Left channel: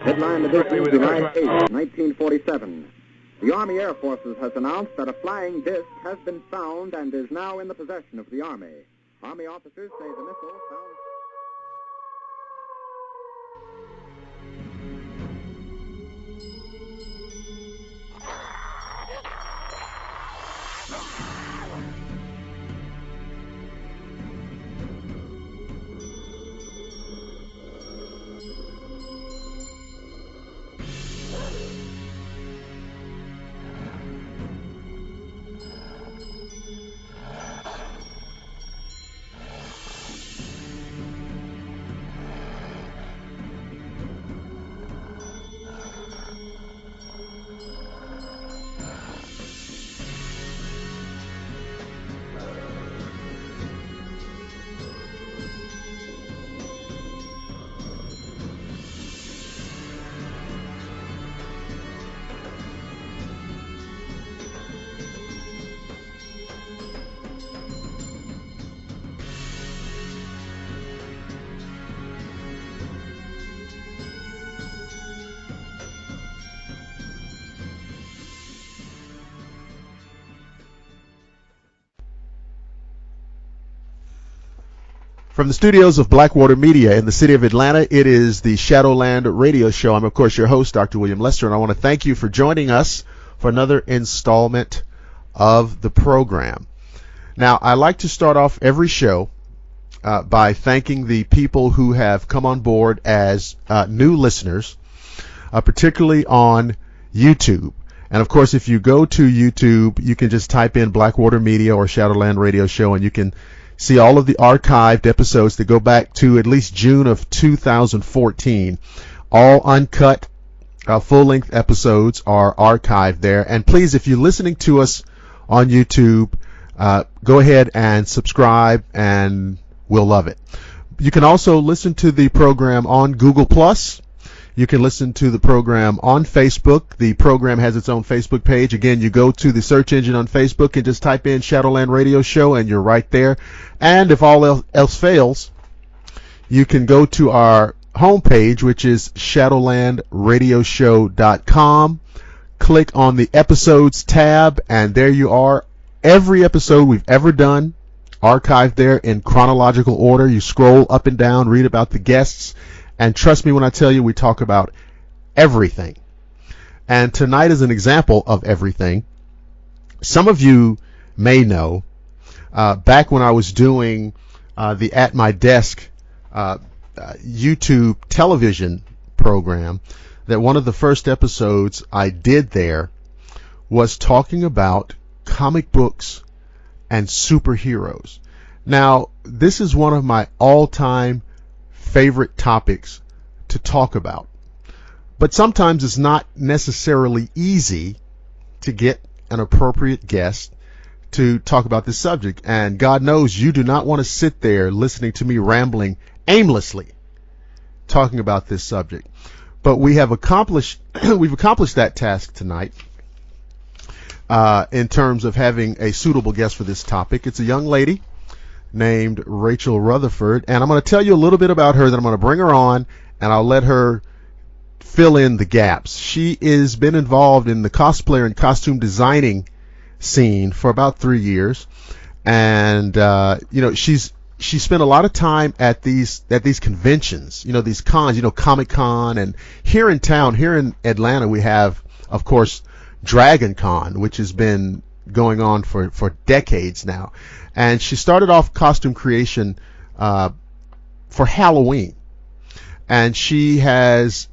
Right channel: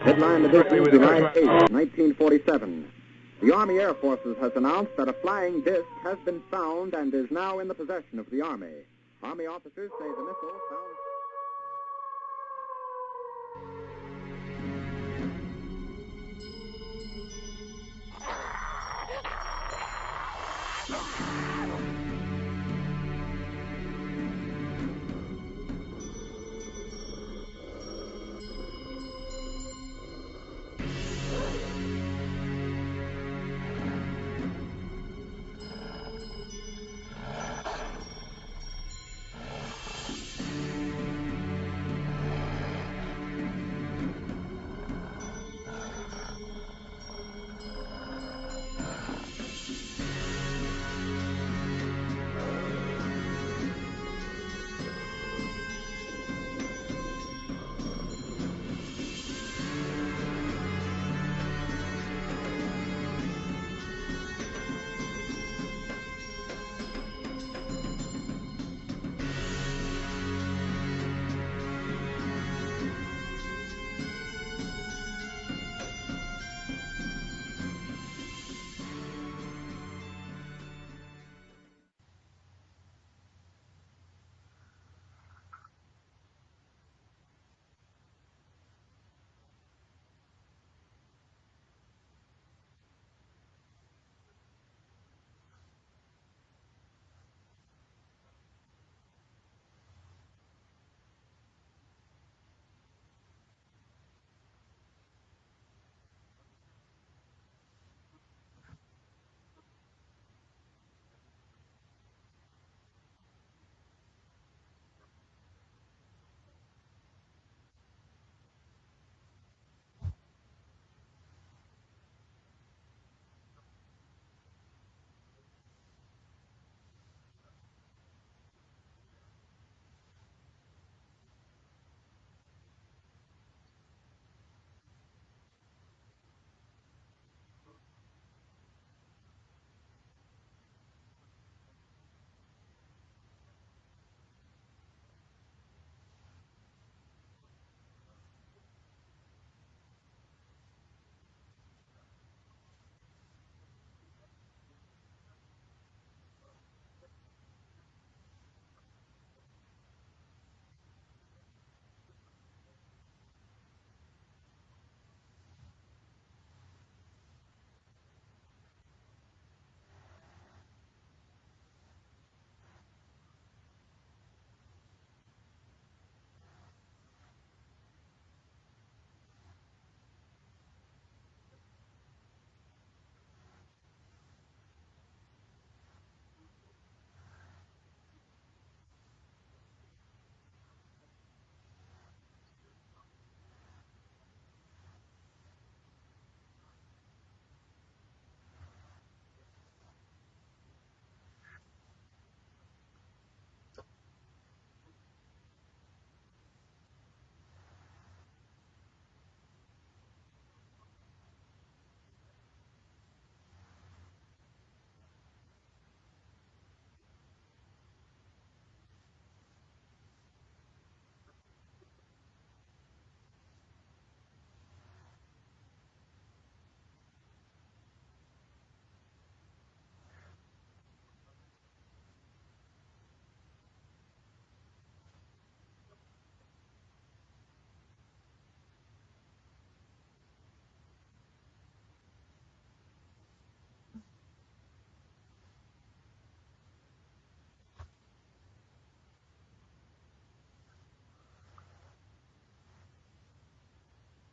Headline edition, July 8, 1947. The Army Air Forces has announced that a flying disc has been found and is now in the possession of the Army. Army officers say the missile found... From the studios of Blackwater Media in the city of Atlanta, it is the Shadowland Radio Show. I'm, of course, your host, Dr. William Lester, and I want to thank you for joining us for another installment of the program. Now, I like to start off every show by thanking the people who have come on board as new listeners, particularly on YouTube. And, of course, if you go to YouTube, you can just type in Blackwater Media or Shadowland Radio Show, and you can see all of the archived episodes that go back to at least June of 2014. All uncut, full-length episodes are archived there. And please, if you're listening to us on YouTube, go ahead and subscribe, and we'll love it. You can also listen to the program on Google+. You can listen to the program on Facebook. The program has its own Facebook page. Again, you go to the search engine on Facebook and just type in Shadowland Radio Show, and you're right there. And if all else fails, you can go to our homepage, which is shadowlandradioshow.com. Click on the Episodes tab, and there you are. Every episode we've ever done, archived there in chronological order. You scroll up and down, read about the guests, and trust me when I tell you, we talk about everything. And tonight is an example of everything. Some of you may know, back when I was doing the At My Desk YouTube television program, that one of the first episodes I did there was talking about comic books and superheroes. Now, this is one of my all-time favorite topics to talk about. But sometimes it's not necessarily easy to get an appropriate guest to talk about this subject. And God knows you do not want to sit there listening to me rambling aimlessly talking about this subject. But we've accomplished that task tonight in terms of having a suitable guest for this topic. It's a young lady named Rachel Rutherford, and I'm going to tell you a little bit about her. Then I'm going to bring her on, and I'll let her fill in the gaps. She has been involved in the cosplayer and costume designing scene for about 3 years, and she spent a lot of time at these conventions, these cons, Comic Con, and here in town, here in Atlanta, we have, of course, Dragon Con, which has been going on for decades now. And she started off costume creation for Halloween. And she has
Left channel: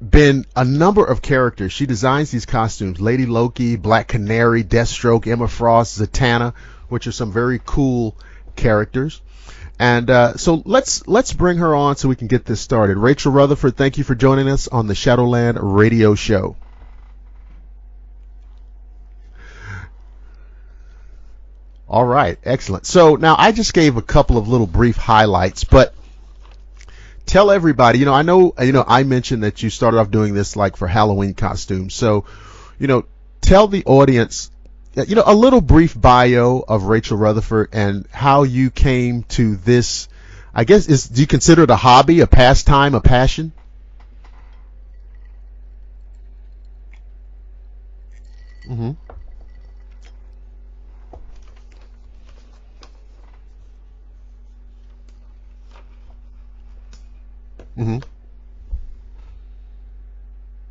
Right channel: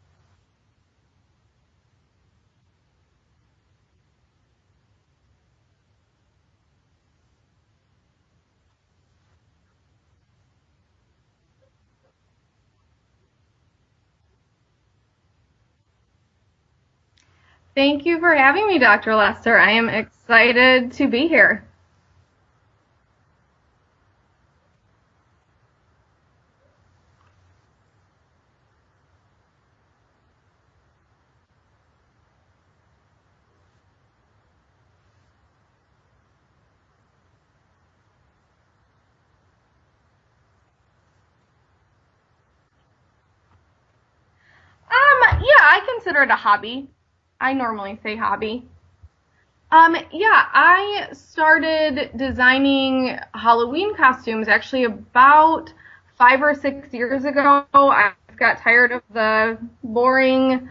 been a number of characters. She designs these costumes: Lady Loki, Black Canary, Deathstroke, Emma Frost, Zatanna, which are some very cool characters. And so let's bring her on so we can get this started. Rachel Rutherford, thank you for joining us on the Shadowland Radio Show. Thank you for having me, Dr. Lester. I am excited to be here. All right, excellent. So now I just gave a couple of little brief highlights, but tell everybody, I know I mentioned that you started off doing this like for Halloween costumes. So, tell the audience, a little brief bio of Rachel Rutherford and how you came to this I guess, do you consider it a hobby, a pastime, a passion? Yeah, I consider it a hobby. I normally say hobby. Mm-hmm. Yeah, I started designing Halloween costumes actually about 5 or 6 years ago. Mm-hmm. I got tired of the boring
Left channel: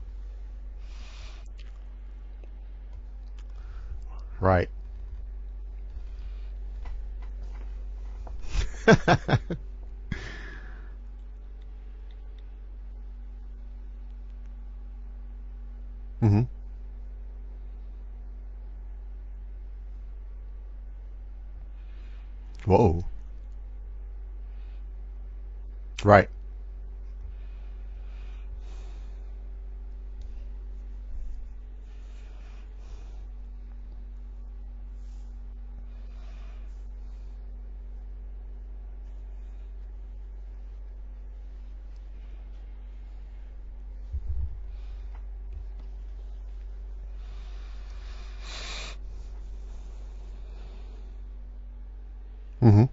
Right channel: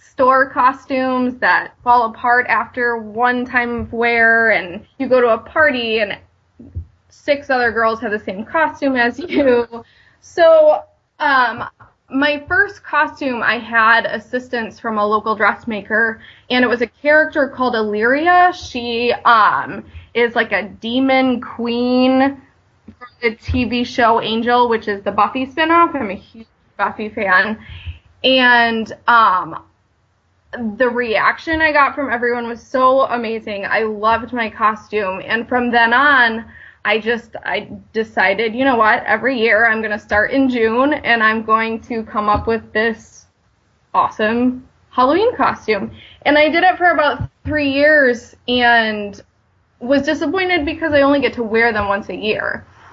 store costumes that fall apart after one time of wear, Right. and you go to a party and 6 other girls have the same costume as you. So, my first costume, I had assistance from a local dressmaker, Mm-hmm. and it was a character called Illyria. She is like a demon queen. Whoa. From the TV show Angel, which is the Buffy spinoff. I'm Right. a huge Buffy fan. And the reaction I got from everyone was so amazing. I loved my costume. And from then on, I decided, you know what, every year I'm going to start in June and I'm going to come up with this awesome Halloween costume. And I did it for about 3 years and was disappointed because I only get to wear them once a year. Mm-hmm.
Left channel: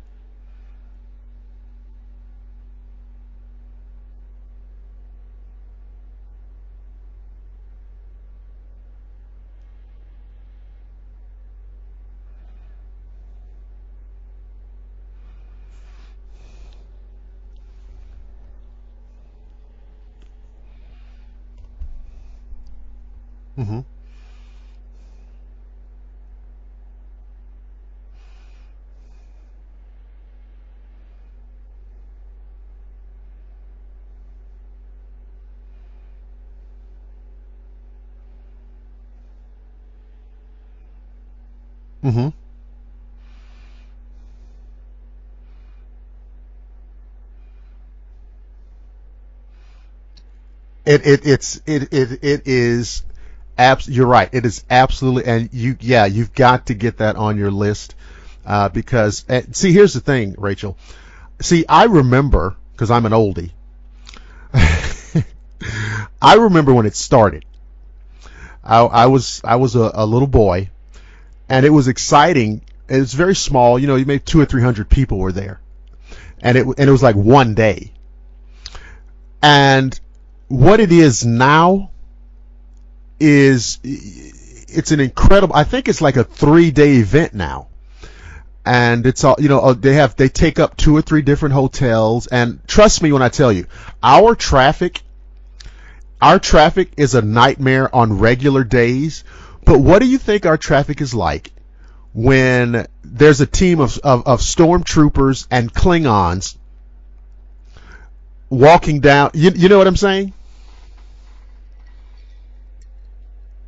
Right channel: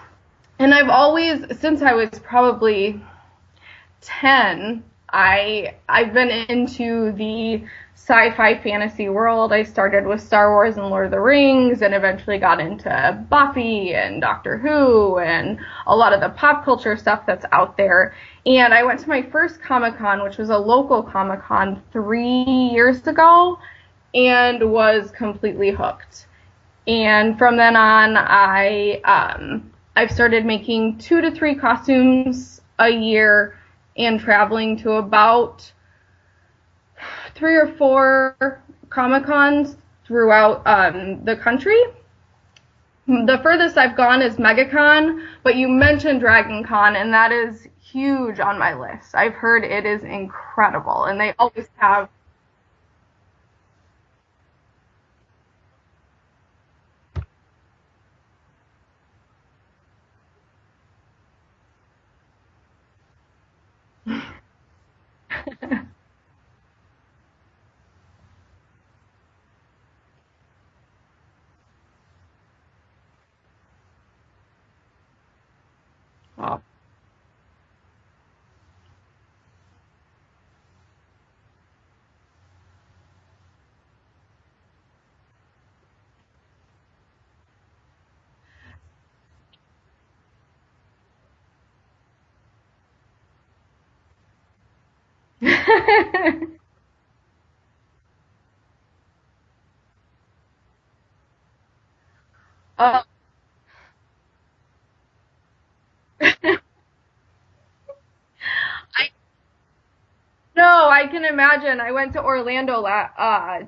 And I've always, since I was probably 10, I've been into the sci-fi fantasy world. I started with Star Wars and Lord of the Rings and eventually got into Buffy and Doctor Who and a lot of the pop culture stuff that's out there. And I went to my first Comic-Con, which was a local Comic-Con 3 years ago, Mm-hmm. and was completely hooked. And from then on, I've started making 2 to 3 costumes a year and traveling to about 3 or 4 Comic-Cons throughout the country. Mm-hmm. The furthest I've gone is MegaCon, but you mentioned Dragon Con, and that is huge on my list. I've heard it is incredible. It is. You're right. It is absolutely, and you've got to get that on your list because see, here's the thing, Rachel. See, I remember, because I'm an oldie. I remember when it started. I was a little boy, and it was exciting. It was very small. You know, you maybe 200 or 300 people were there, and it was like one day. And what it is now is it's an incredible. I think it's like a 3-day event now, and it's all, you know, they take up 2 or 3 different hotels, and trust me when I tell you, our traffic is a nightmare on regular days. But what do you think our traffic is like when there's a team of stormtroopers and Klingons walking down? You know what I'm saying? No, I can imagine. I went to Orlando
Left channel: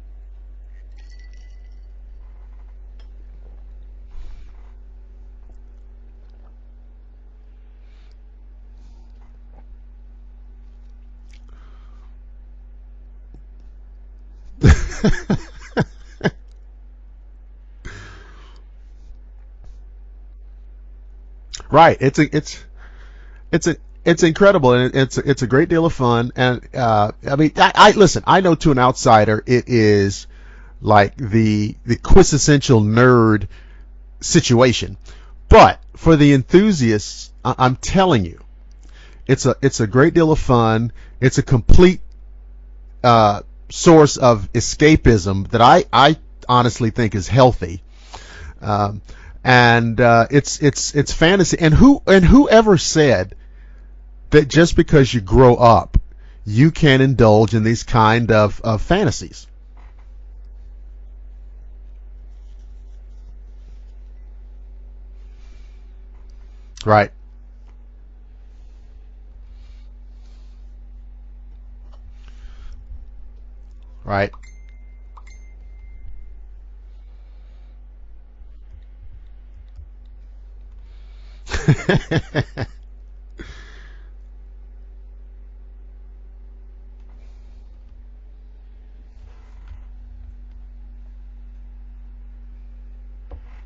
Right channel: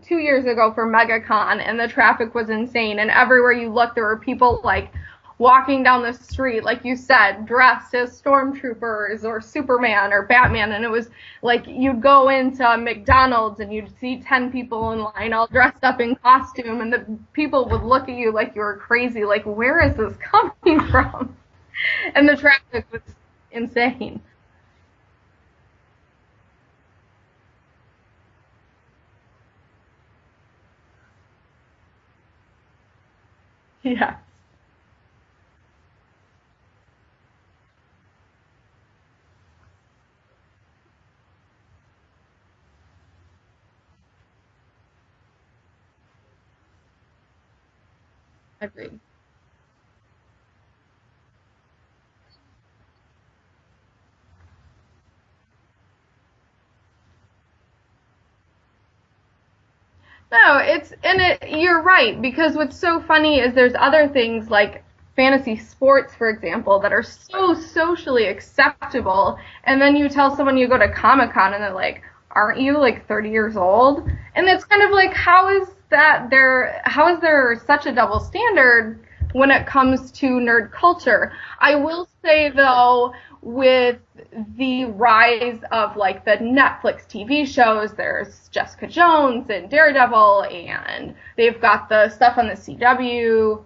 2 years ago for MegaCon, and the traffic was insane. And everywhere you looked, there were people like walking down the street, like you said, dressed as stormtroopers or Superman or Batman. And it was like you'd go into McDonald's and you'd see 10 people in line all dressed up in costume, and the people would look at you like you were crazy. Like, where is this coming from? Right. Traffic was insane. It's incredible, and it's a great deal of fun. And I mean, I listen. I know to an outsider, it is like the quintessential nerd situation. But for the enthusiasts, I'm telling you, it's a great deal of fun. It's a complete source of escapism that I honestly think is healthy. And it's fantasy. And whoever said that just because you grow up, you can indulge in these kind of fantasies? No, you're right, because what's so funny is there's other things like fantasy sports, for example, that are so socially acceptable, and then you tell someone you go to Comic-Con and they're like, aren't you like 30 years old? Right. And it's kind of like, how is there such a double standard when it comes to nerd culture? I will say, though, with the rise of like the Netflix TV shows, there's Jessica Jones and Daredevil, and they've got the stuff on the CW,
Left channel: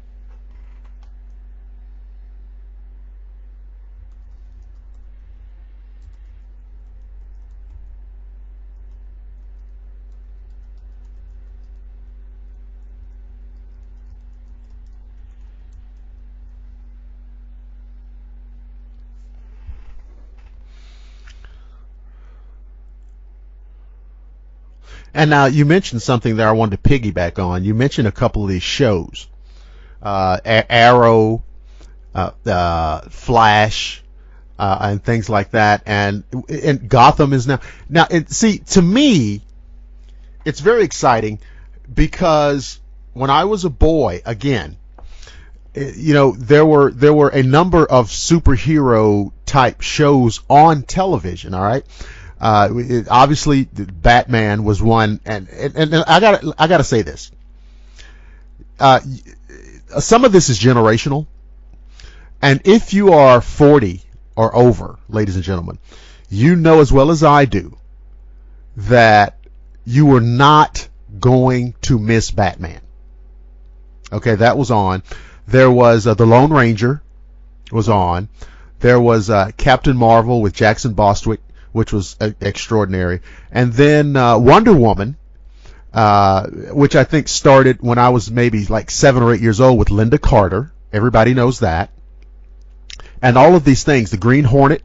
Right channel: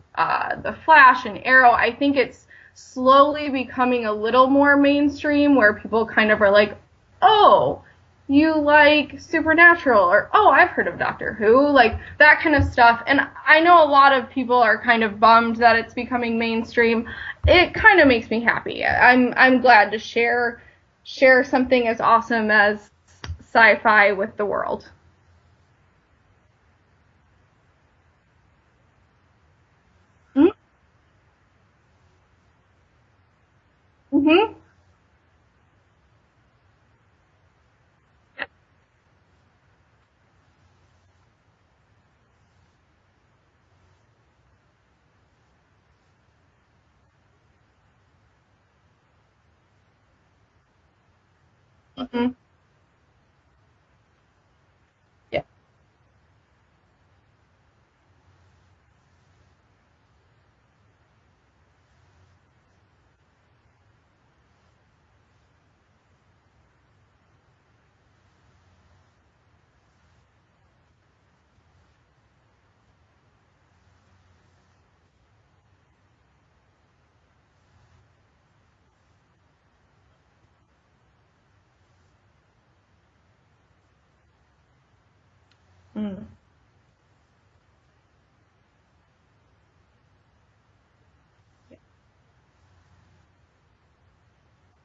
the Flash and Arrow. I think it's slowly becoming a little more mainstream, where people kind of are like, oh, you like Supernatural, or, oh, I've heard of Doctor Who, like that kind of stuff. And I know a lot of people are kind of bummed that it's becoming mainstream. It kind of makes me happy. I'm glad to share something as awesome as sci-fi with the world. And now you mentioned something that I wanted to piggyback on. You mentioned a couple of these shows, Arrow, Flash, and things like that, and Gotham is now. See, to me, it's very exciting because when I was a boy, again, there were a number of superhero type shows on television. All right, obviously Batman was one, and I gotta say this. Some of this is generational. And if you are 40 or over, ladies and gentlemen, you know as well as I do that you were not going to miss Batman. Okay, that was on. There was The Lone Ranger was on. There was Captain Marvel with Jackson Bostwick, which was extraordinary. And then Wonder Woman, which I think started when I was maybe like 7 or 8 years old with Linda Carter. Everybody knows that. And all of these things, the Green Hornet,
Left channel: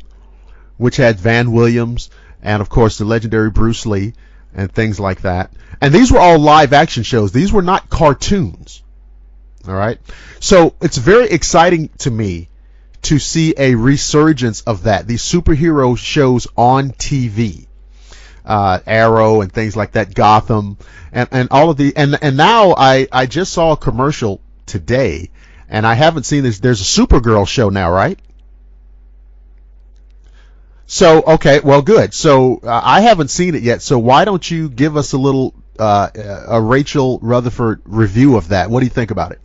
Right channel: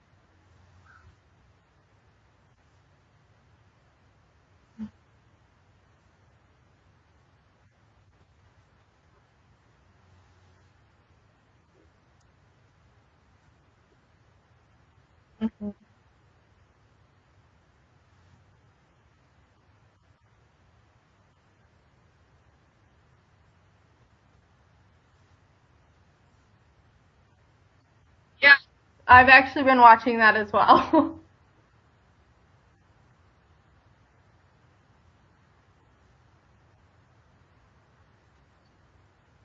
which had Van Williams, and of course the legendary Bruce Lee, and things like that. And these were all live action shows. These were not cartoons. All right? So it's very exciting to me to see a resurgence of that, these superhero shows on TV. Arrow and things like that, Gotham, and all of the, and now I just saw a commercial today, and I haven't seen this. There's a Supergirl show now, right? Yeah, I've actually been watching that as well. So, okay, well, good. So I haven't seen it yet. So why don't you give us a little a Rachel Rutherford review of that? What do you think about it?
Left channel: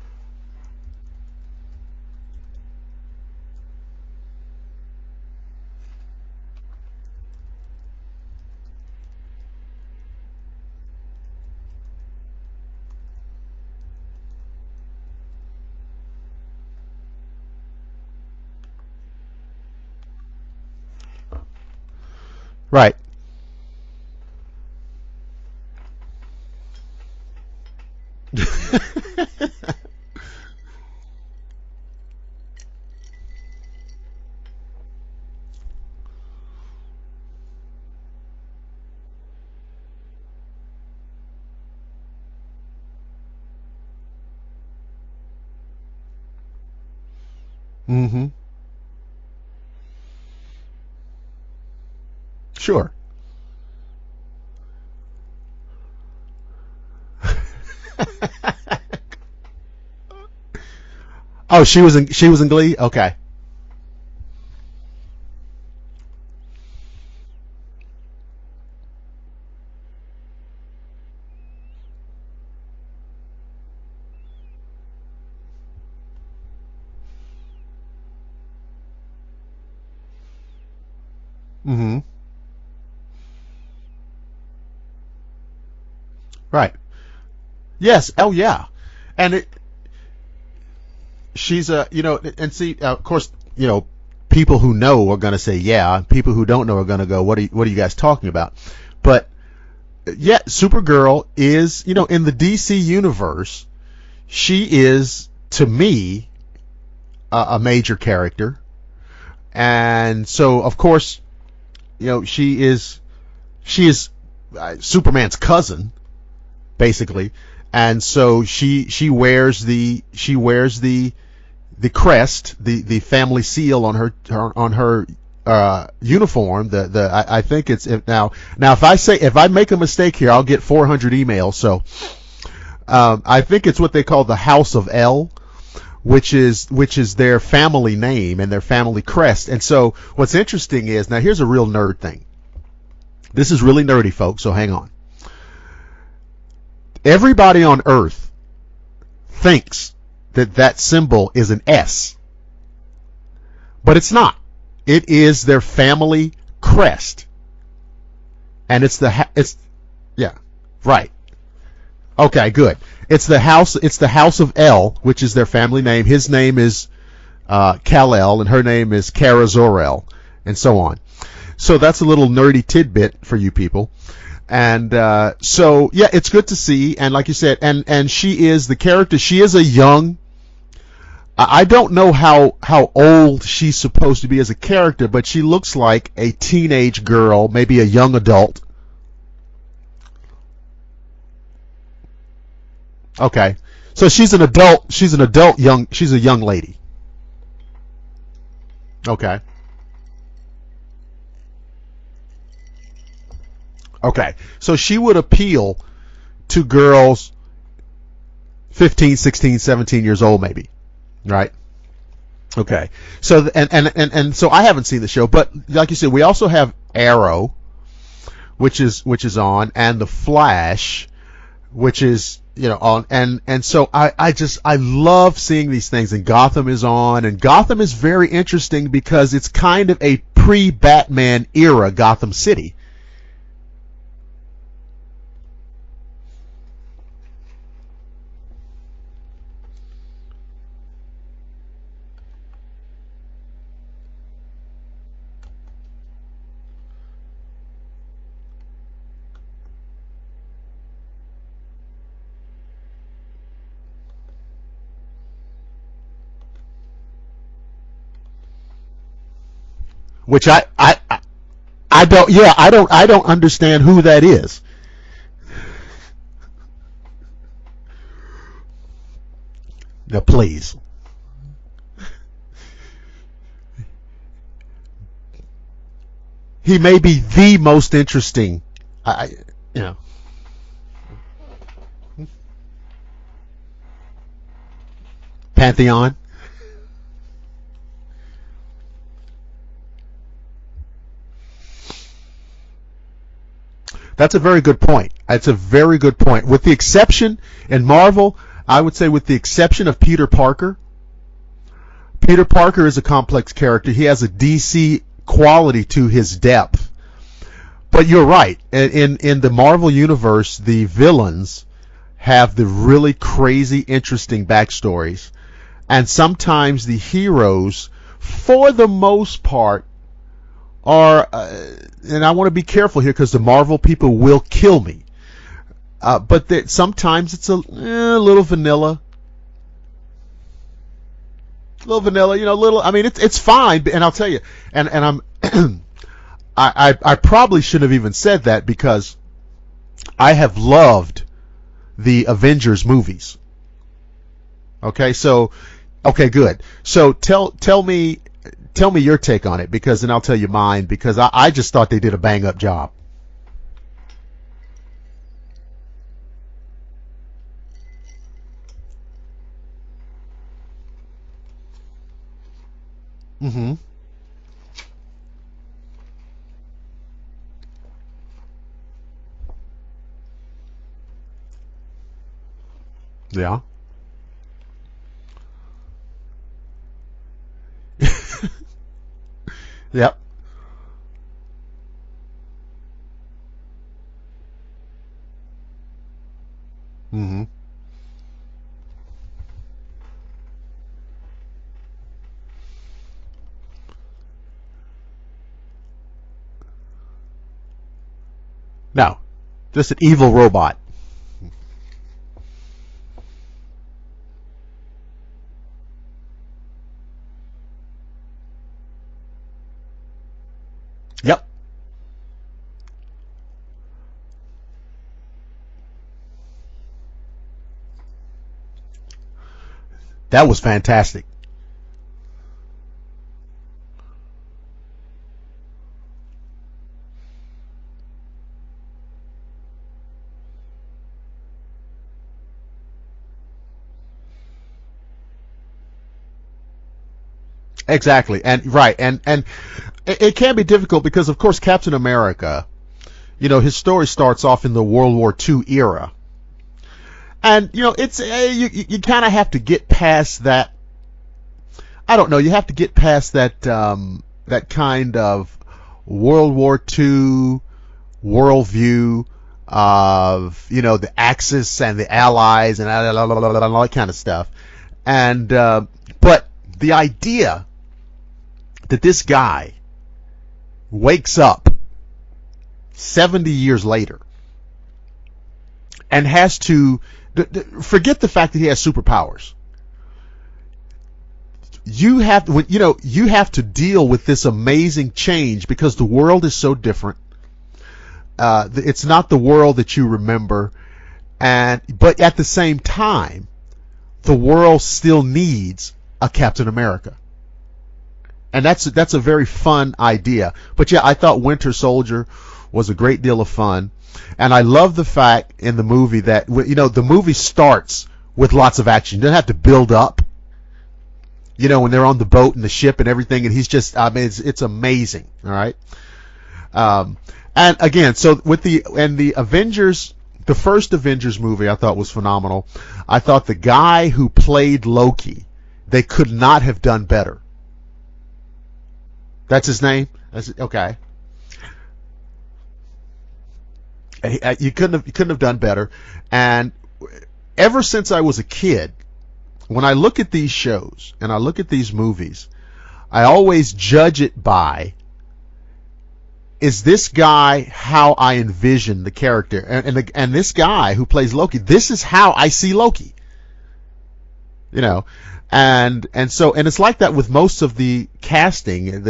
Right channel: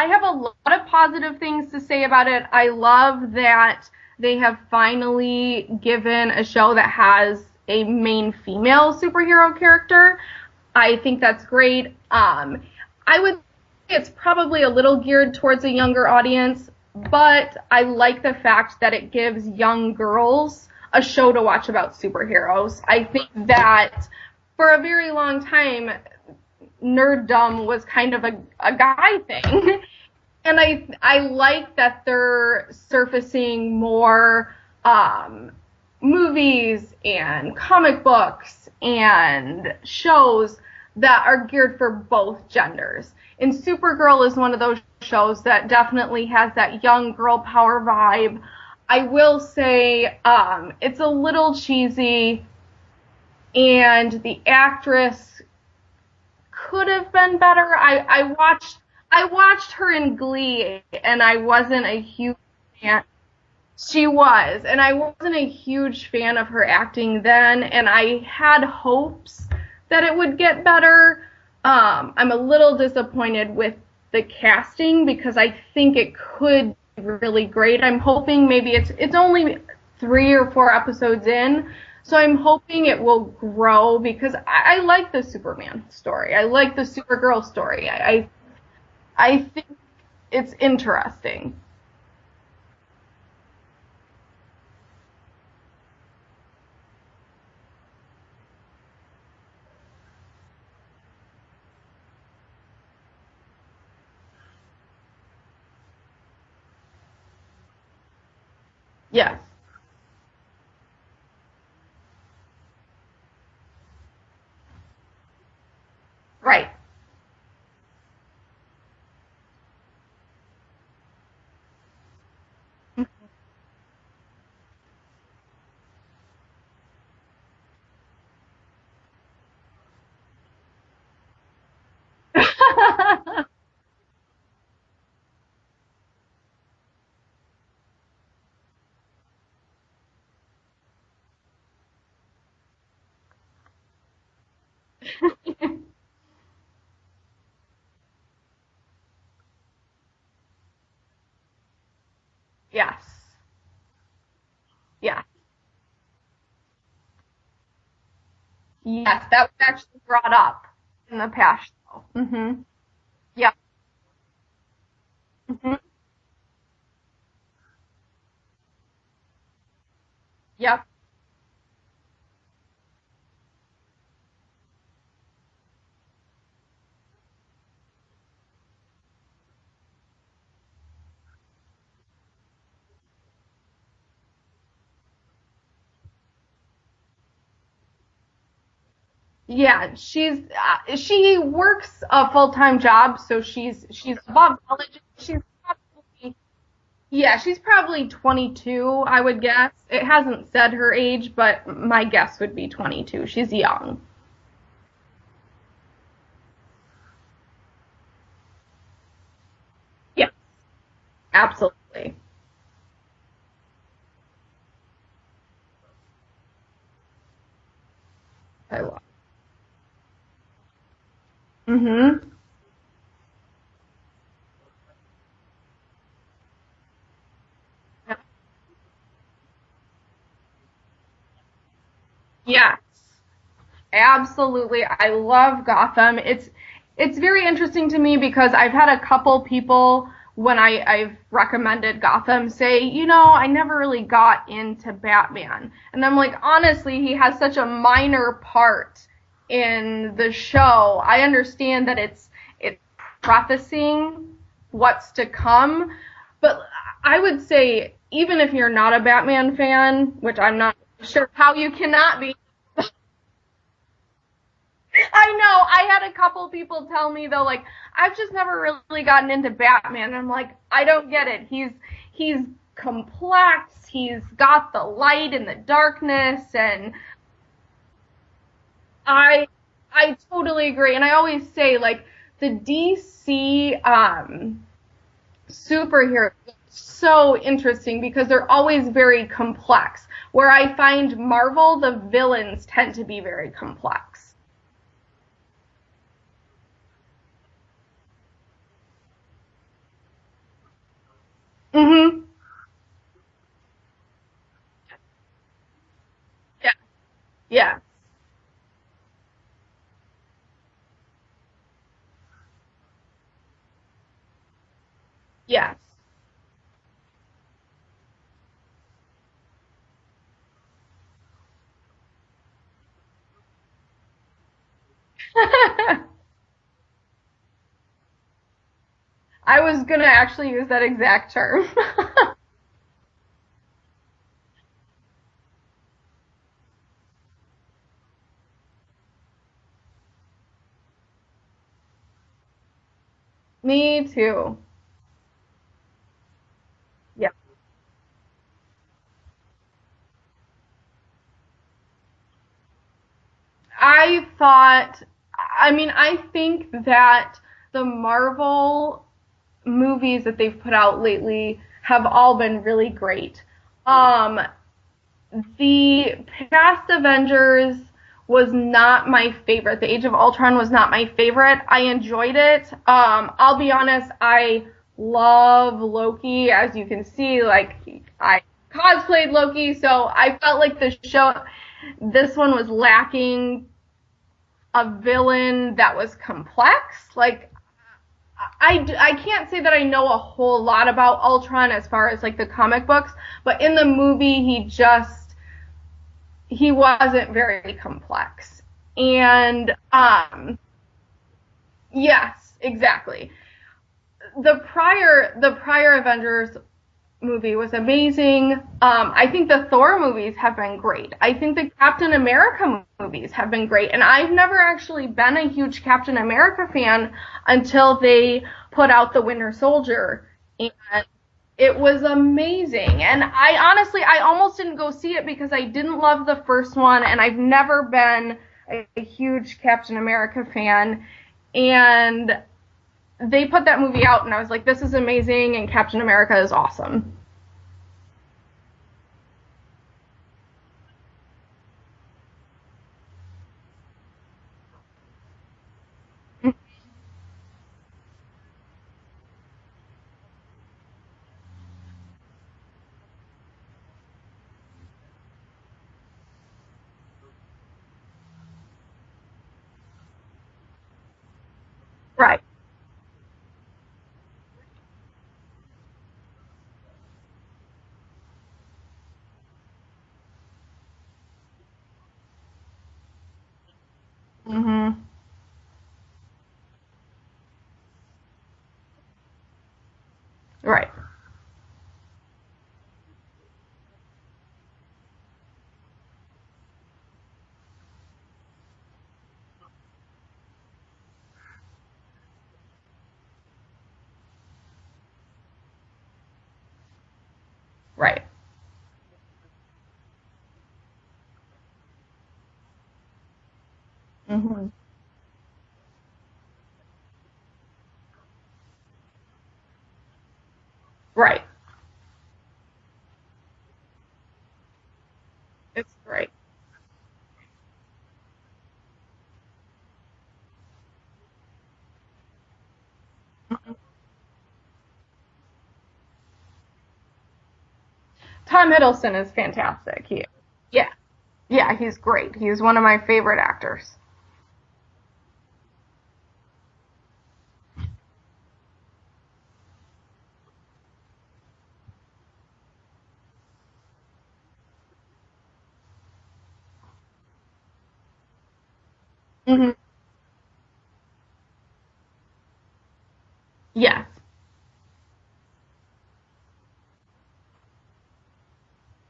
I have a lot of positive things to say about it. I love that they have finally given a show that has a main female superhero character. I think that's great. I would say it's probably a little geared towards a younger audience, but I like the fact that it gives young girls a show to watch about superheroes. Right. I think that for a very long time, nerddom was kind of a guy thing. And I like that they're surfacing more movies and comic books and shows that are geared for both genders. And Supergirl is one of those shows that definitely has that young girl power vibe. Mm-hmm. I will say it's a little cheesy. Sure. And the actress could have been better. I watched her in Glee, and I wasn't. Oh, she was in Glee? Okay. She was, and I wasn't a huge fan of her acting then, and I had hopes that it would get better. I'm a little disappointed with the casting because I think it could be really great. I'm hoping maybe it's only 3 or 4 episodes in, so I'm hoping it will grow because I like the Superman story. I like the Supergirl story. Yes. Yeah. And I think it's interesting. She's and see, of course, people who know are going to say yeah. People who don't know are going to go, what are you guys talking about? But yeah, Supergirl is, in the DC universe, she is, to me, a major character. Yeah. And so, of course, she is Superman's cousin, right? Basically. And so she wears the crest, the family seal on her uniform. I think it's now if I make a mistake here, I'll get 400 emails. So I think it's what they call the House of L, which is their family name and their family crest. And so what's interesting is, now here's a real nerd thing. This is really nerdy, folks, so hang on. Everybody on Earth thinks that symbol is an S. Yes. But it's not. It is their family crest. And it's that's actually brought up right in the past. Okay, good. It's the house of L, which is their family name. His name is Kal-El, and her name is Kara Zor-El, and so on. So that's a little nerdy tidbit for you people. And so, yeah, it's good to see. And like you said, and she is the character. She is a young. I don't know how old she's supposed to be as a character, but she looks like a teenage girl, maybe a young adult. Yeah, she works a full-time job. So okay. She's an adult. She's a young lady. Yeah, she's probably 22, okay. I would guess. It hasn't said her age, but my guess would be 22. She's young. Okay. So she would appeal to girls 15, 16, 17 years old maybe. Right? Absolutely. Okay. So and so I haven't seen the show, but like you said, we also have Arrow, which is on, and The Flash, which is on, and so I love seeing these things, and Gotham is on, and Gotham is very interesting because it's kind of a pre-Batman era Gotham City. Yeah, absolutely. I love Gotham. It's very interesting to me because I've had a couple people when I've recommended Gotham say, I never really got into Batman, and I'm like, honestly, he has such a minor part in the show. I understand that it's prefacing what's to come, but I would say even if you're not a Batman fan, which I'm not sure how you can. I don't understand who that is. I know. I had a couple people tell me though, like, I've just never really gotten into Batman. Yeah, please. Like, I don't get it. He's complex. He's got the light and the darkness. And he may be the most interesting. I totally agree, and I always say, like, the DC Pantheon superheroes are so interesting because they're always very complex. Where I find Marvel, the villains tend to be very complex. That's a very good point. That's a very good point. With the exception, in Marvel, I would say with the exception of Peter Parker. Mm-hmm. Peter Parker is a complex character. He has a DC quality to his depth. Yeah. But you're right. In the Marvel universe, the villains have the really crazy, interesting backstories. Yeah. And sometimes the heroes, for the most part, are, and I want to be careful here because the Marvel people will kill me. But sometimes it's a little vanilla. I was gonna actually use that exact term. Little vanilla, little. I mean, it's fine, and I'll tell you, and I'm. I probably shouldn't have even said that because I have loved the Avengers movies. Me too. Okay, good. So tell me your take on it, because then I'll tell you mine, because I just thought they did a bang up job. I think that the Marvel movies that they've put out lately have all been really great. Mm-hmm. The past Avengers was not my favorite. The Age of Ultron was not my favorite. I enjoyed it. I'll be honest, I love Loki. As you can see, like, I cosplayed Loki, so I felt like this one was lacking a villain that was complex. Mm-hmm. Like, I can't say that I know a whole lot about Ultron as far as, like, the comic books, but in the movie, he wasn't very complex. No, and just an evil robot. Yes, exactly. The prior Avengers movie was amazing. I think the Thor movies have been great. Yep. I think the Captain America movies have been great. And I've never actually been a huge Captain America fan until they put out The Winter Soldier. That was fantastic. It was amazing. And I almost didn't go see it because I didn't love the first one, and I've never been a huge Captain America fan. And they put that movie out, and I was like, this is amazing, and Captain America is awesome. Exactly. And right. And it can be difficult because, of course, Captain America, his story starts off in the World War II era. And, it's you kind of have to get past that. I don't know. You have to get past that that kind of World War II worldview of, the Axis and the Allies and all that kind of stuff. And but the idea that this guy wakes up 70 years later and has to forget the fact that he has superpowers. Right. You have to deal with this amazing change because the world is so different. It's not the world that you remember, but at the same time, the world still needs a Captain America. Right. And that's a very fun idea. But yeah, I thought Winter Soldier was a great deal of fun, and I love the fact in the movie that the movie starts with lots of action. You don't have to build up. Right. When they're on the boat and the ship and everything, and he's just, it's amazing. All right. It's great. And again, so with the Avengers, the first Avengers movie I thought was phenomenal. I thought the guy who played Loki, they could not have done better. Tom Hiddleston is fantastic. That's his name? Okay. Yeah, he's great. He's one of my favorite actors. You couldn't have done better. And ever since I was a kid, when I look at these shows and I look at these movies, I always judge it by, is this guy how I envision the character? And this guy who plays Loki, this is how I see Loki. Yeah. And it's like that with most of the casting.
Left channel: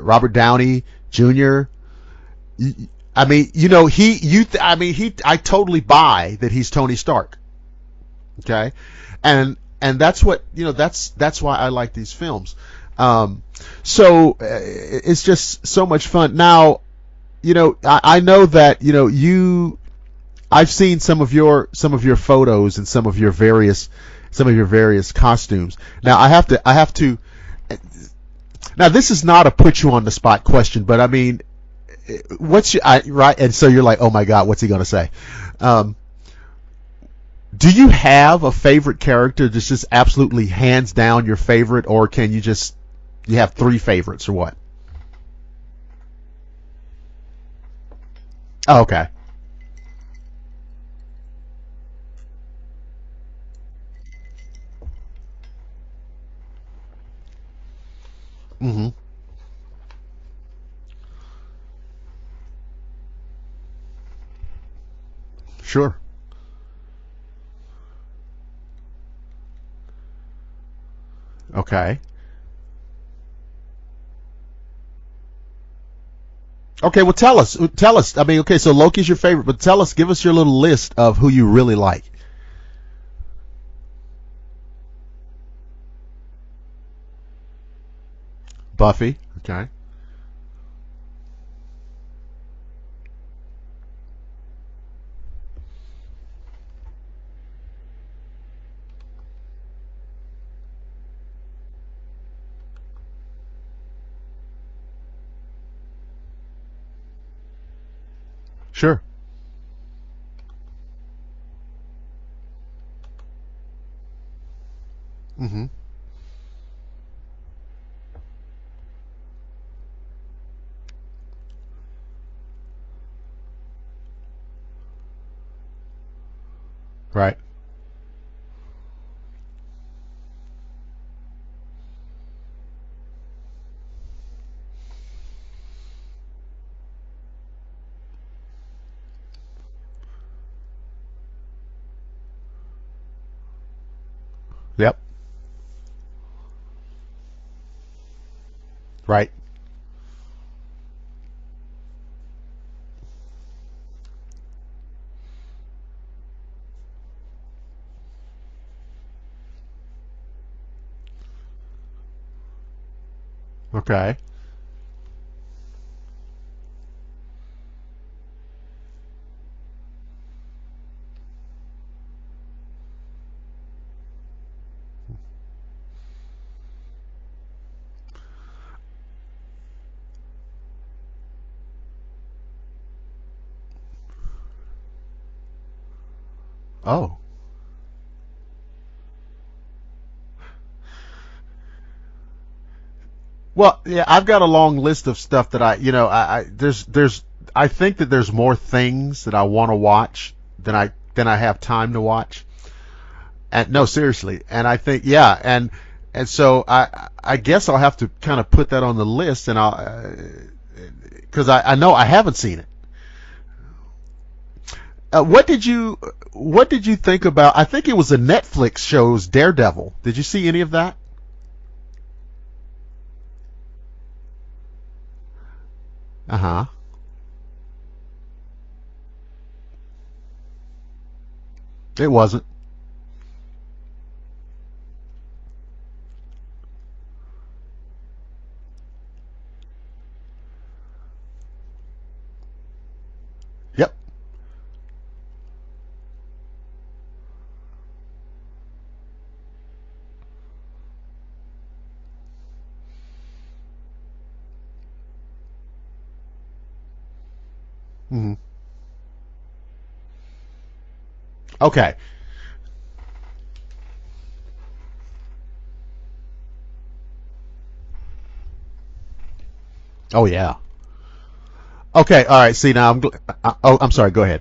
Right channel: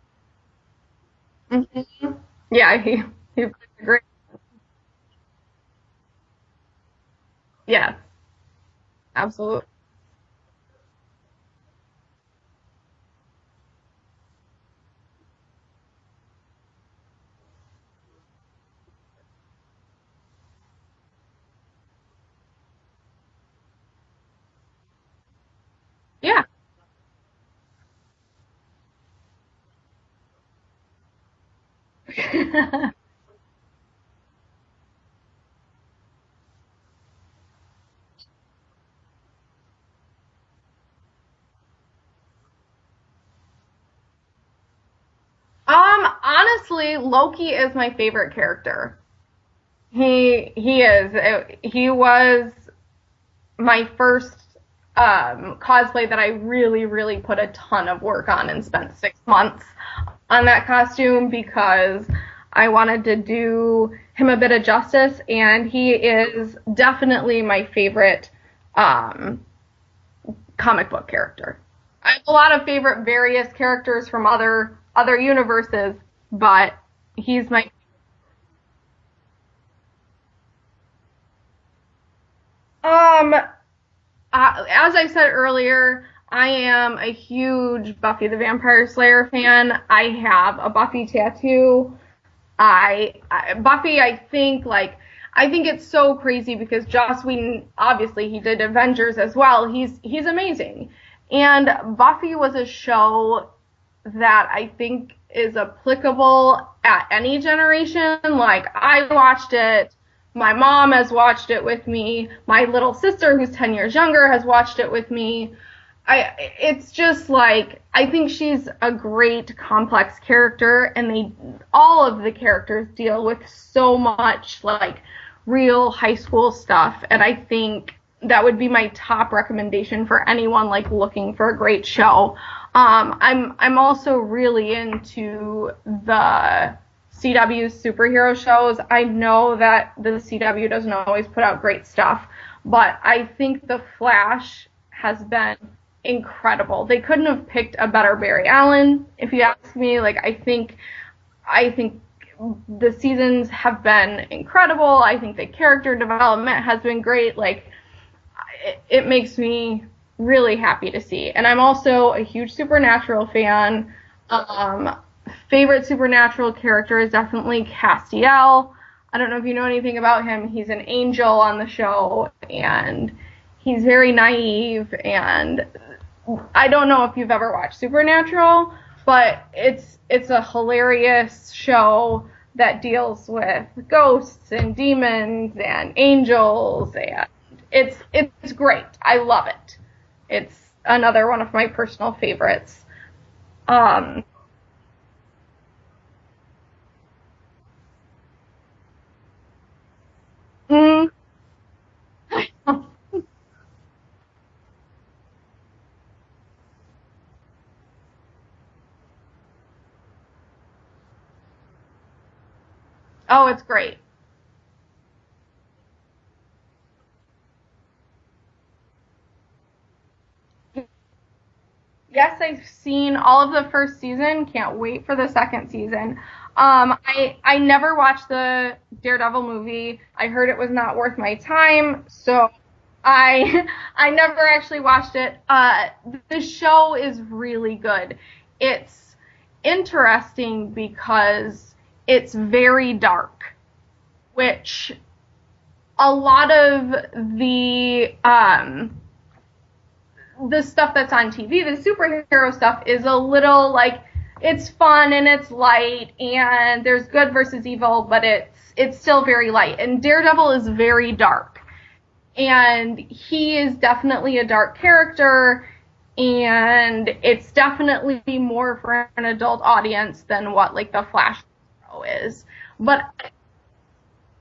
Robert Downey Jr. Yeah. I totally buy that he's Tony Stark. Yeah. Okay. Absolutely. And that's what that's why I like these films. So it's just so much fun. Now, I know that I've seen some of your photos and some of your various costumes. Now I have to. Now this is not a put you on the spot question, but I mean, right? And so you're like, oh my God, what's he gonna say? Do you have a favorite character that's just absolutely hands down your favorite, or can you have three favorites, or what? Honestly, Loki is my favorite character. Oh, okay. He is. He was my first cosplay that I really, really put a ton of work on and spent 6 months on that costume because I wanted to do him a bit of justice, and Sure. He is definitely my favorite comic book character. Okay. I have a lot of favorite various characters from other universes, but okay. Well, tell us. I mean, okay, so Loki's your favorite, but give us your little list of who you really like. As I said earlier, I am a huge Buffy the Vampire Slayer fan. Right. I have a Buffy tattoo. Buffy, I think it's so crazy because Joss Whedon, obviously he did Avengers as well. He's amazing. And Buffy was a show that I think is applicable at any generation. Like, sure. I watched it. My mom has watched it with me. My little sister, who's 10 years younger, has watched it with me. Mm-hmm. It's just like, I think she's a great complex character, and all of the characters deal with so much like real high school stuff, and right. I think that would be my top recommendation for anyone like looking for a great show. I'm also really into the CW superhero shows. I know that the CW doesn't always put out great stuff, but I think The Flash has been incredible. They couldn't have picked a better Barry Allen, right. If you ask me. Like, I think the seasons have been incredible. I think the character development has been great. Like, it makes me really happy to see. And I'm also a huge Supernatural fan. Okay. Favorite Supernatural character is definitely Castiel. I don't know if you know anything about him. He's an angel on the show, and he's very naive, and I don't know if you've ever watched Supernatural, but it's a hilarious show that deals with ghosts and demons and angels, and it's great. I love it. It's another one of my personal favorites. Well, yeah, I've got a long list of stuff that I think that there's more things that I want to watch than I have time to watch. And no, seriously. And I think, and And so I guess I'll have to kind of put that on the list, and because I know I haven't seen it. Oh, it's great. What did you think about? I think it was a Netflix show's Daredevil. Did you see any of that? Yes, I've seen all of the first season. Can't wait for the second season. Uh-huh. I never watched the Daredevil movie. I heard it was not worth my time. It wasn't. So I never actually watched it. The show is really good. It's interesting because it's very dark. Yep. Which a lot of the stuff that's on TV, the superhero stuff, is a little like, it's fun and it's light and there's good versus evil, but it's still very light. And Daredevil is very dark. Okay. And he is definitely a dark character, and it's definitely more for an adult audience than what like the Flash. Okay, all right. See now, I'm sorry. Go ahead.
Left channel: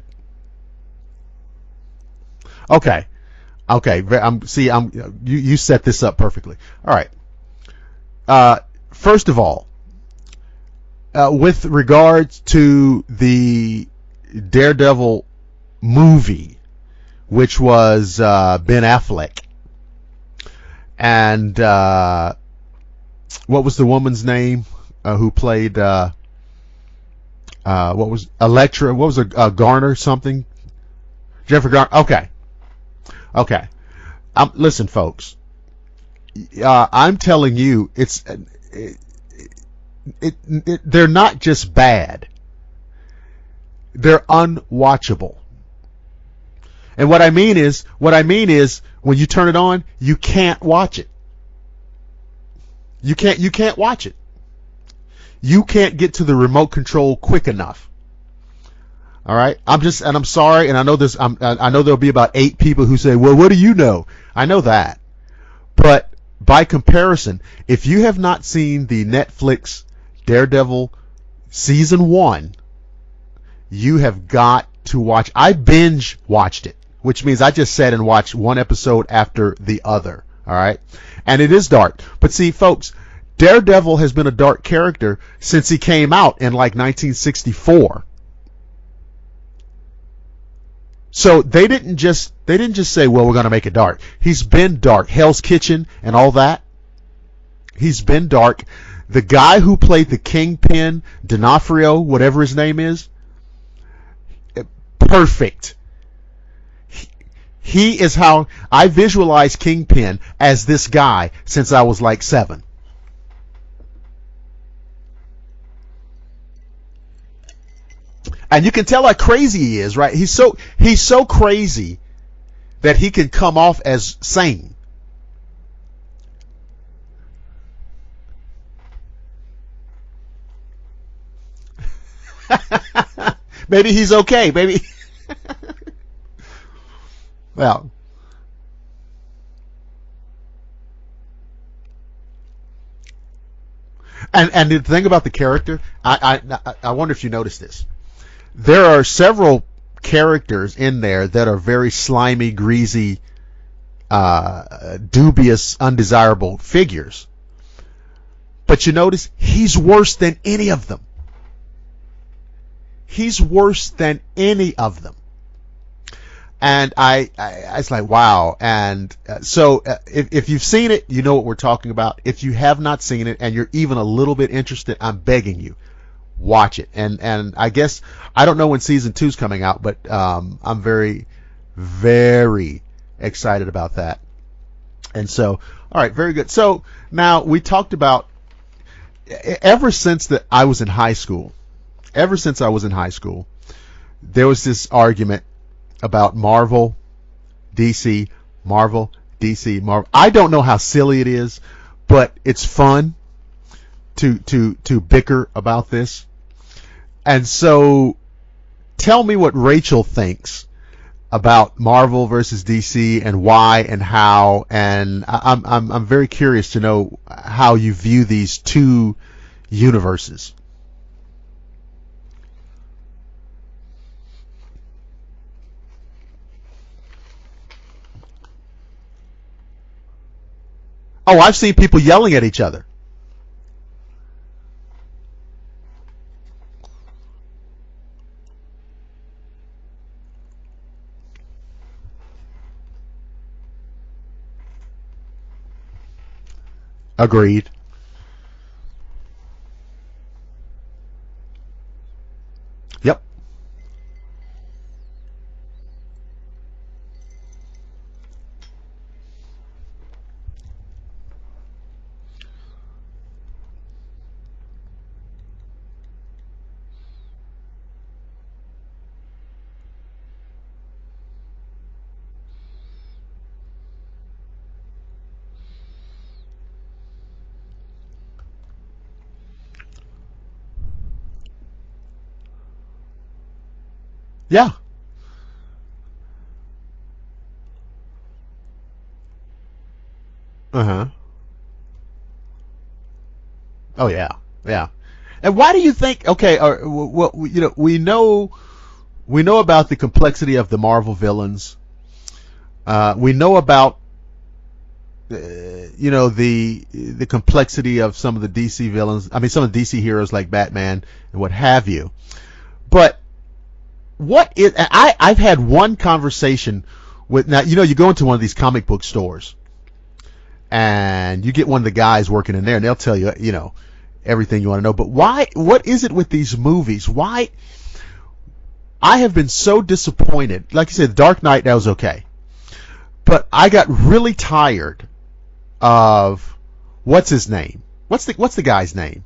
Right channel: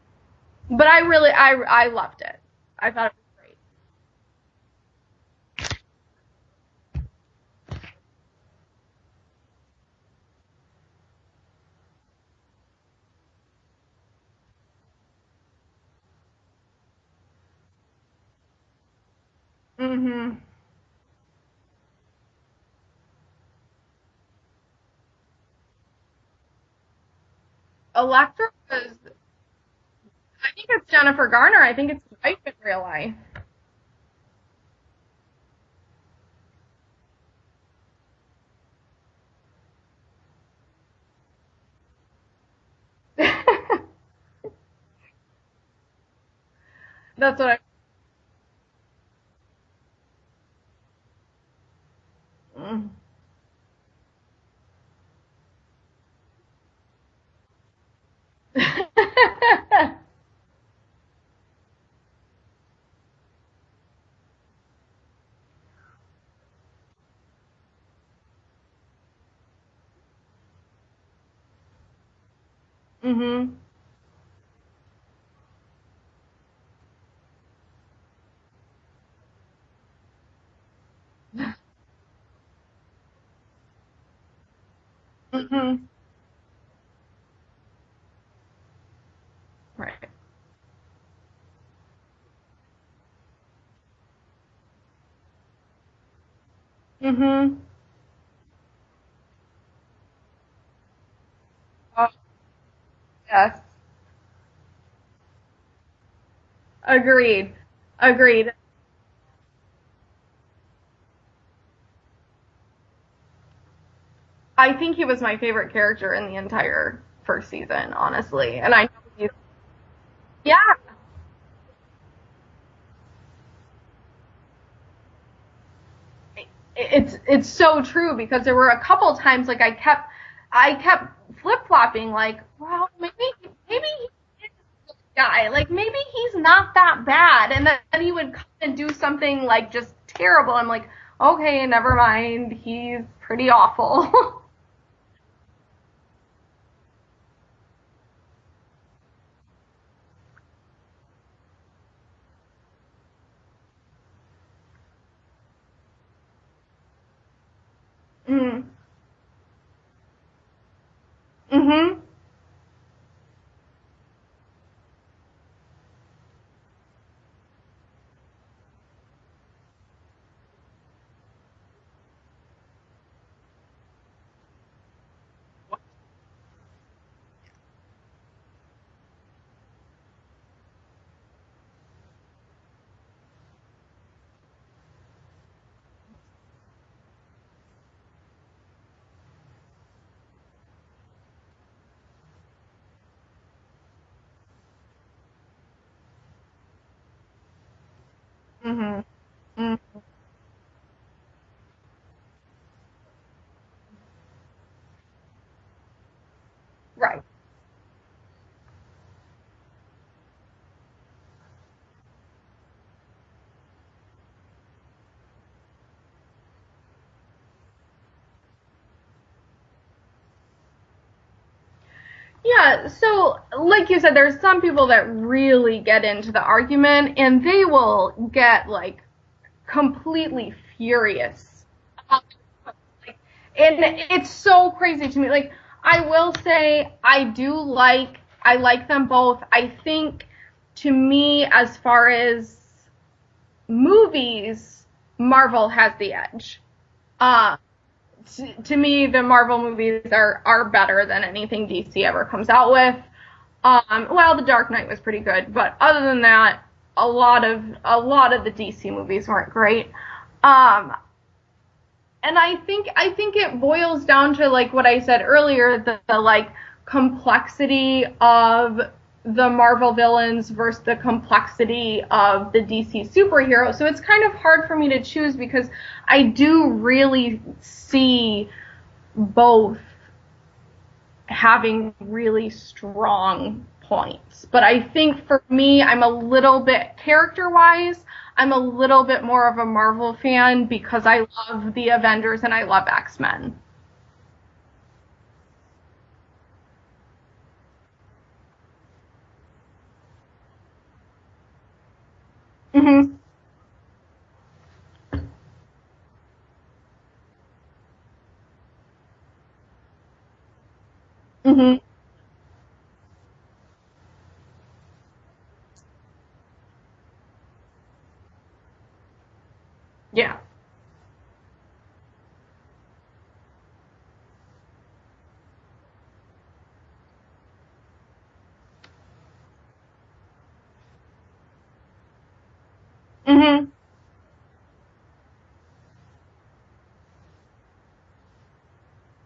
But I loved it. Okay. Okay. You set this up perfectly. All right. First of all, with regards to the Daredevil movie, which was Ben Affleck, and what was the woman's name who played Elektra? What was it? Garner something? I think it's Jennifer Garner. Jennifer Garner. Okay. I think it's in real life. Okay. Listen, folks. I'm telling you, they're not just bad. They're unwatchable. And what I mean is, when you turn it on, you can't watch it. You can't watch it. You can't get to the remote control quick enough. All right. I'm sorry, and I know I know there'll be about 8 people who say, "Well, what do you know?" I know that, but by comparison, if you have not seen the Netflix Daredevil season 1, you have got to watch. I binge watched it, which means I just sat and watched one episode after the other. All right, and it is dark, but see, folks. Daredevil has been a dark character since he came out in like 1964. Right. So they didn't just say, well, we're going to make it dark. He's been dark. Hell's Kitchen and all that. He's been dark. The guy who played the Kingpin, D'Onofrio, whatever his name is. Yes. Perfect. Agreed. He is how I visualize Kingpin as this guy since I was like 7. I think he was my favorite character in the entire first season, honestly. And you can tell how crazy he is, right? He's so crazy that he can come off as sane. It's so true, because there were a couple times like I kept flip-flopping, like, oh, maybe he's okay, maybe guy, like maybe he's not that bad, and then he would come and do something like just terrible. I'm like, okay, never mind. He's pretty awful. and the thing about the character, I wonder if you noticed this. There are several characters in there that are very slimy, greasy, dubious, undesirable figures. But you notice he's worse than any of them. He's worse than any of them. And I was like, wow. And so if you've seen it, you know what we're talking about. If you have not seen it and you're even a little bit interested, I'm begging you, watch it. And I guess, I don't know when season 2 is coming out, but I'm very, very excited about that. And so, all right, very good. So now we talked about, ever since I was in high school, there was this argument about Marvel, DC, Marvel, DC, Marvel. I don't know how silly it is, but it's fun to bicker about this. Right. And so tell me what Rachel thinks about Marvel versus DC and why and how, and I'm very curious to know how you view these two universes. Yeah, so like you said, there's some people that really get into the argument, and they will get like completely furious. Oh, I've seen people yelling at each other. And it's so crazy to me. Like, I will say I like them both. I think, to me, as far as movies, Marvel has the edge. Agreed. To me, the Marvel movies are better than anything DC ever comes out with. Yep. Well, The Dark Knight was pretty good, but other than that, a lot of the DC movies weren't great. And I think it boils down to, like what I said earlier, the like complexity of the Marvel villains versus the complexity of the DC superheroes. So it's kind of hard for me to choose because I do really see both having really strong points. Yeah. But I think for me, I'm a little bit, character-wise, I'm a little bit more of a Marvel fan because I love the Avengers and I love X-Men. Oh, yeah. Yeah. And why do you think, okay, well, you know, we know about the complexity of the Marvel villains. Mm-hmm. We know about, you know, the complexity of some of the DC villains. I mean, some of the DC heroes like Batman and what have you. But I've had one conversation with, now, you know, you go into one of these comic book stores. Yeah. And you get one of the guys working in there, and they'll tell you, you know, everything you want to know. But what is it with these movies? Why? I have been so disappointed. Like you said, Dark Knight, that was okay. But I got really tired of, what's his name? What's the guy's name?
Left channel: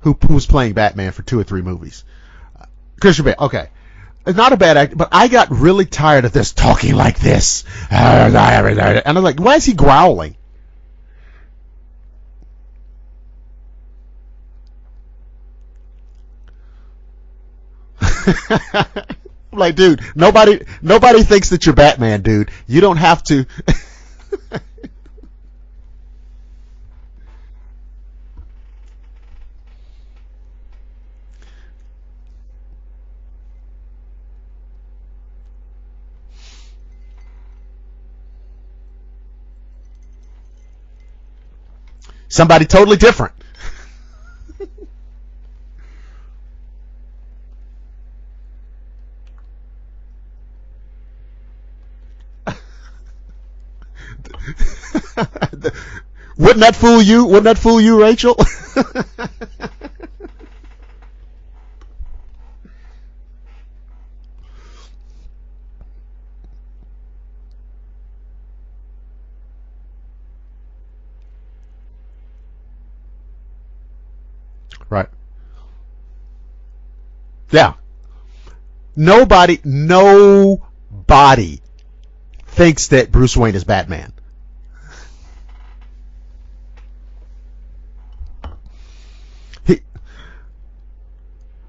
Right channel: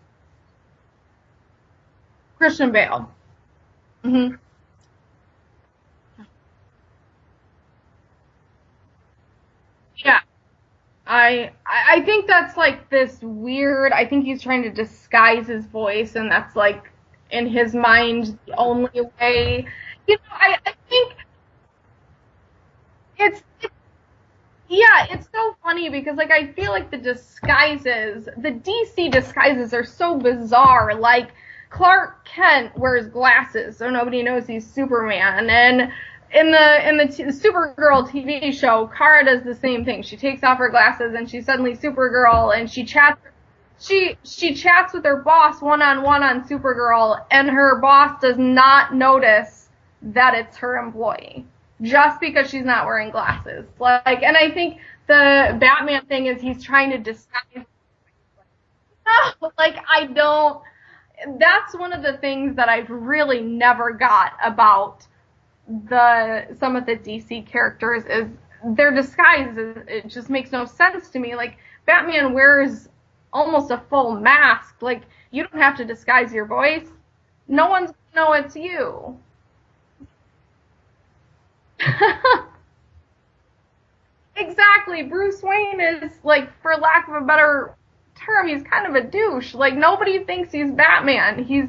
Who was playing Batman for 2 or 3 movies? Christian Bale. Christian Bale, okay. It's not a bad actor, but I got really tired of this talking like this. And I'm like, why is he growling? Yeah. I think that's like this weird, I think he's trying to disguise his voice, and that's like in his mind the only way. Like, dude, nobody thinks that you're Batman, dude. You don't have to. Yeah, it's so funny because, like, I feel like the DC disguises are so bizarre. Like, Clark Kent wears glasses, so nobody knows he's Superman. And in the Supergirl TV show, Kara does the same thing. She takes off her glasses and she's suddenly Supergirl. Somebody totally different. She chats with her boss one-on-one on Supergirl, and her boss does not notice that it's her employee just because she's not wearing glasses. Like, and I think the Batman thing is. Wouldn't that fool you? Wouldn't that fool you, Rachel? No, like, I don't. That's one of the things that I've really never got about some of the DC characters is their disguises. It just makes no sense to me. Like, Batman wears almost a full mask. Like, You don't have to disguise your voice. No one's gonna know it's you. Nobody thinks that Bruce Wayne is Batman. Exactly. Bruce Wayne is, like, for lack of a better term, he's kind of a douche. Like, nobody thinks he's Batman. He's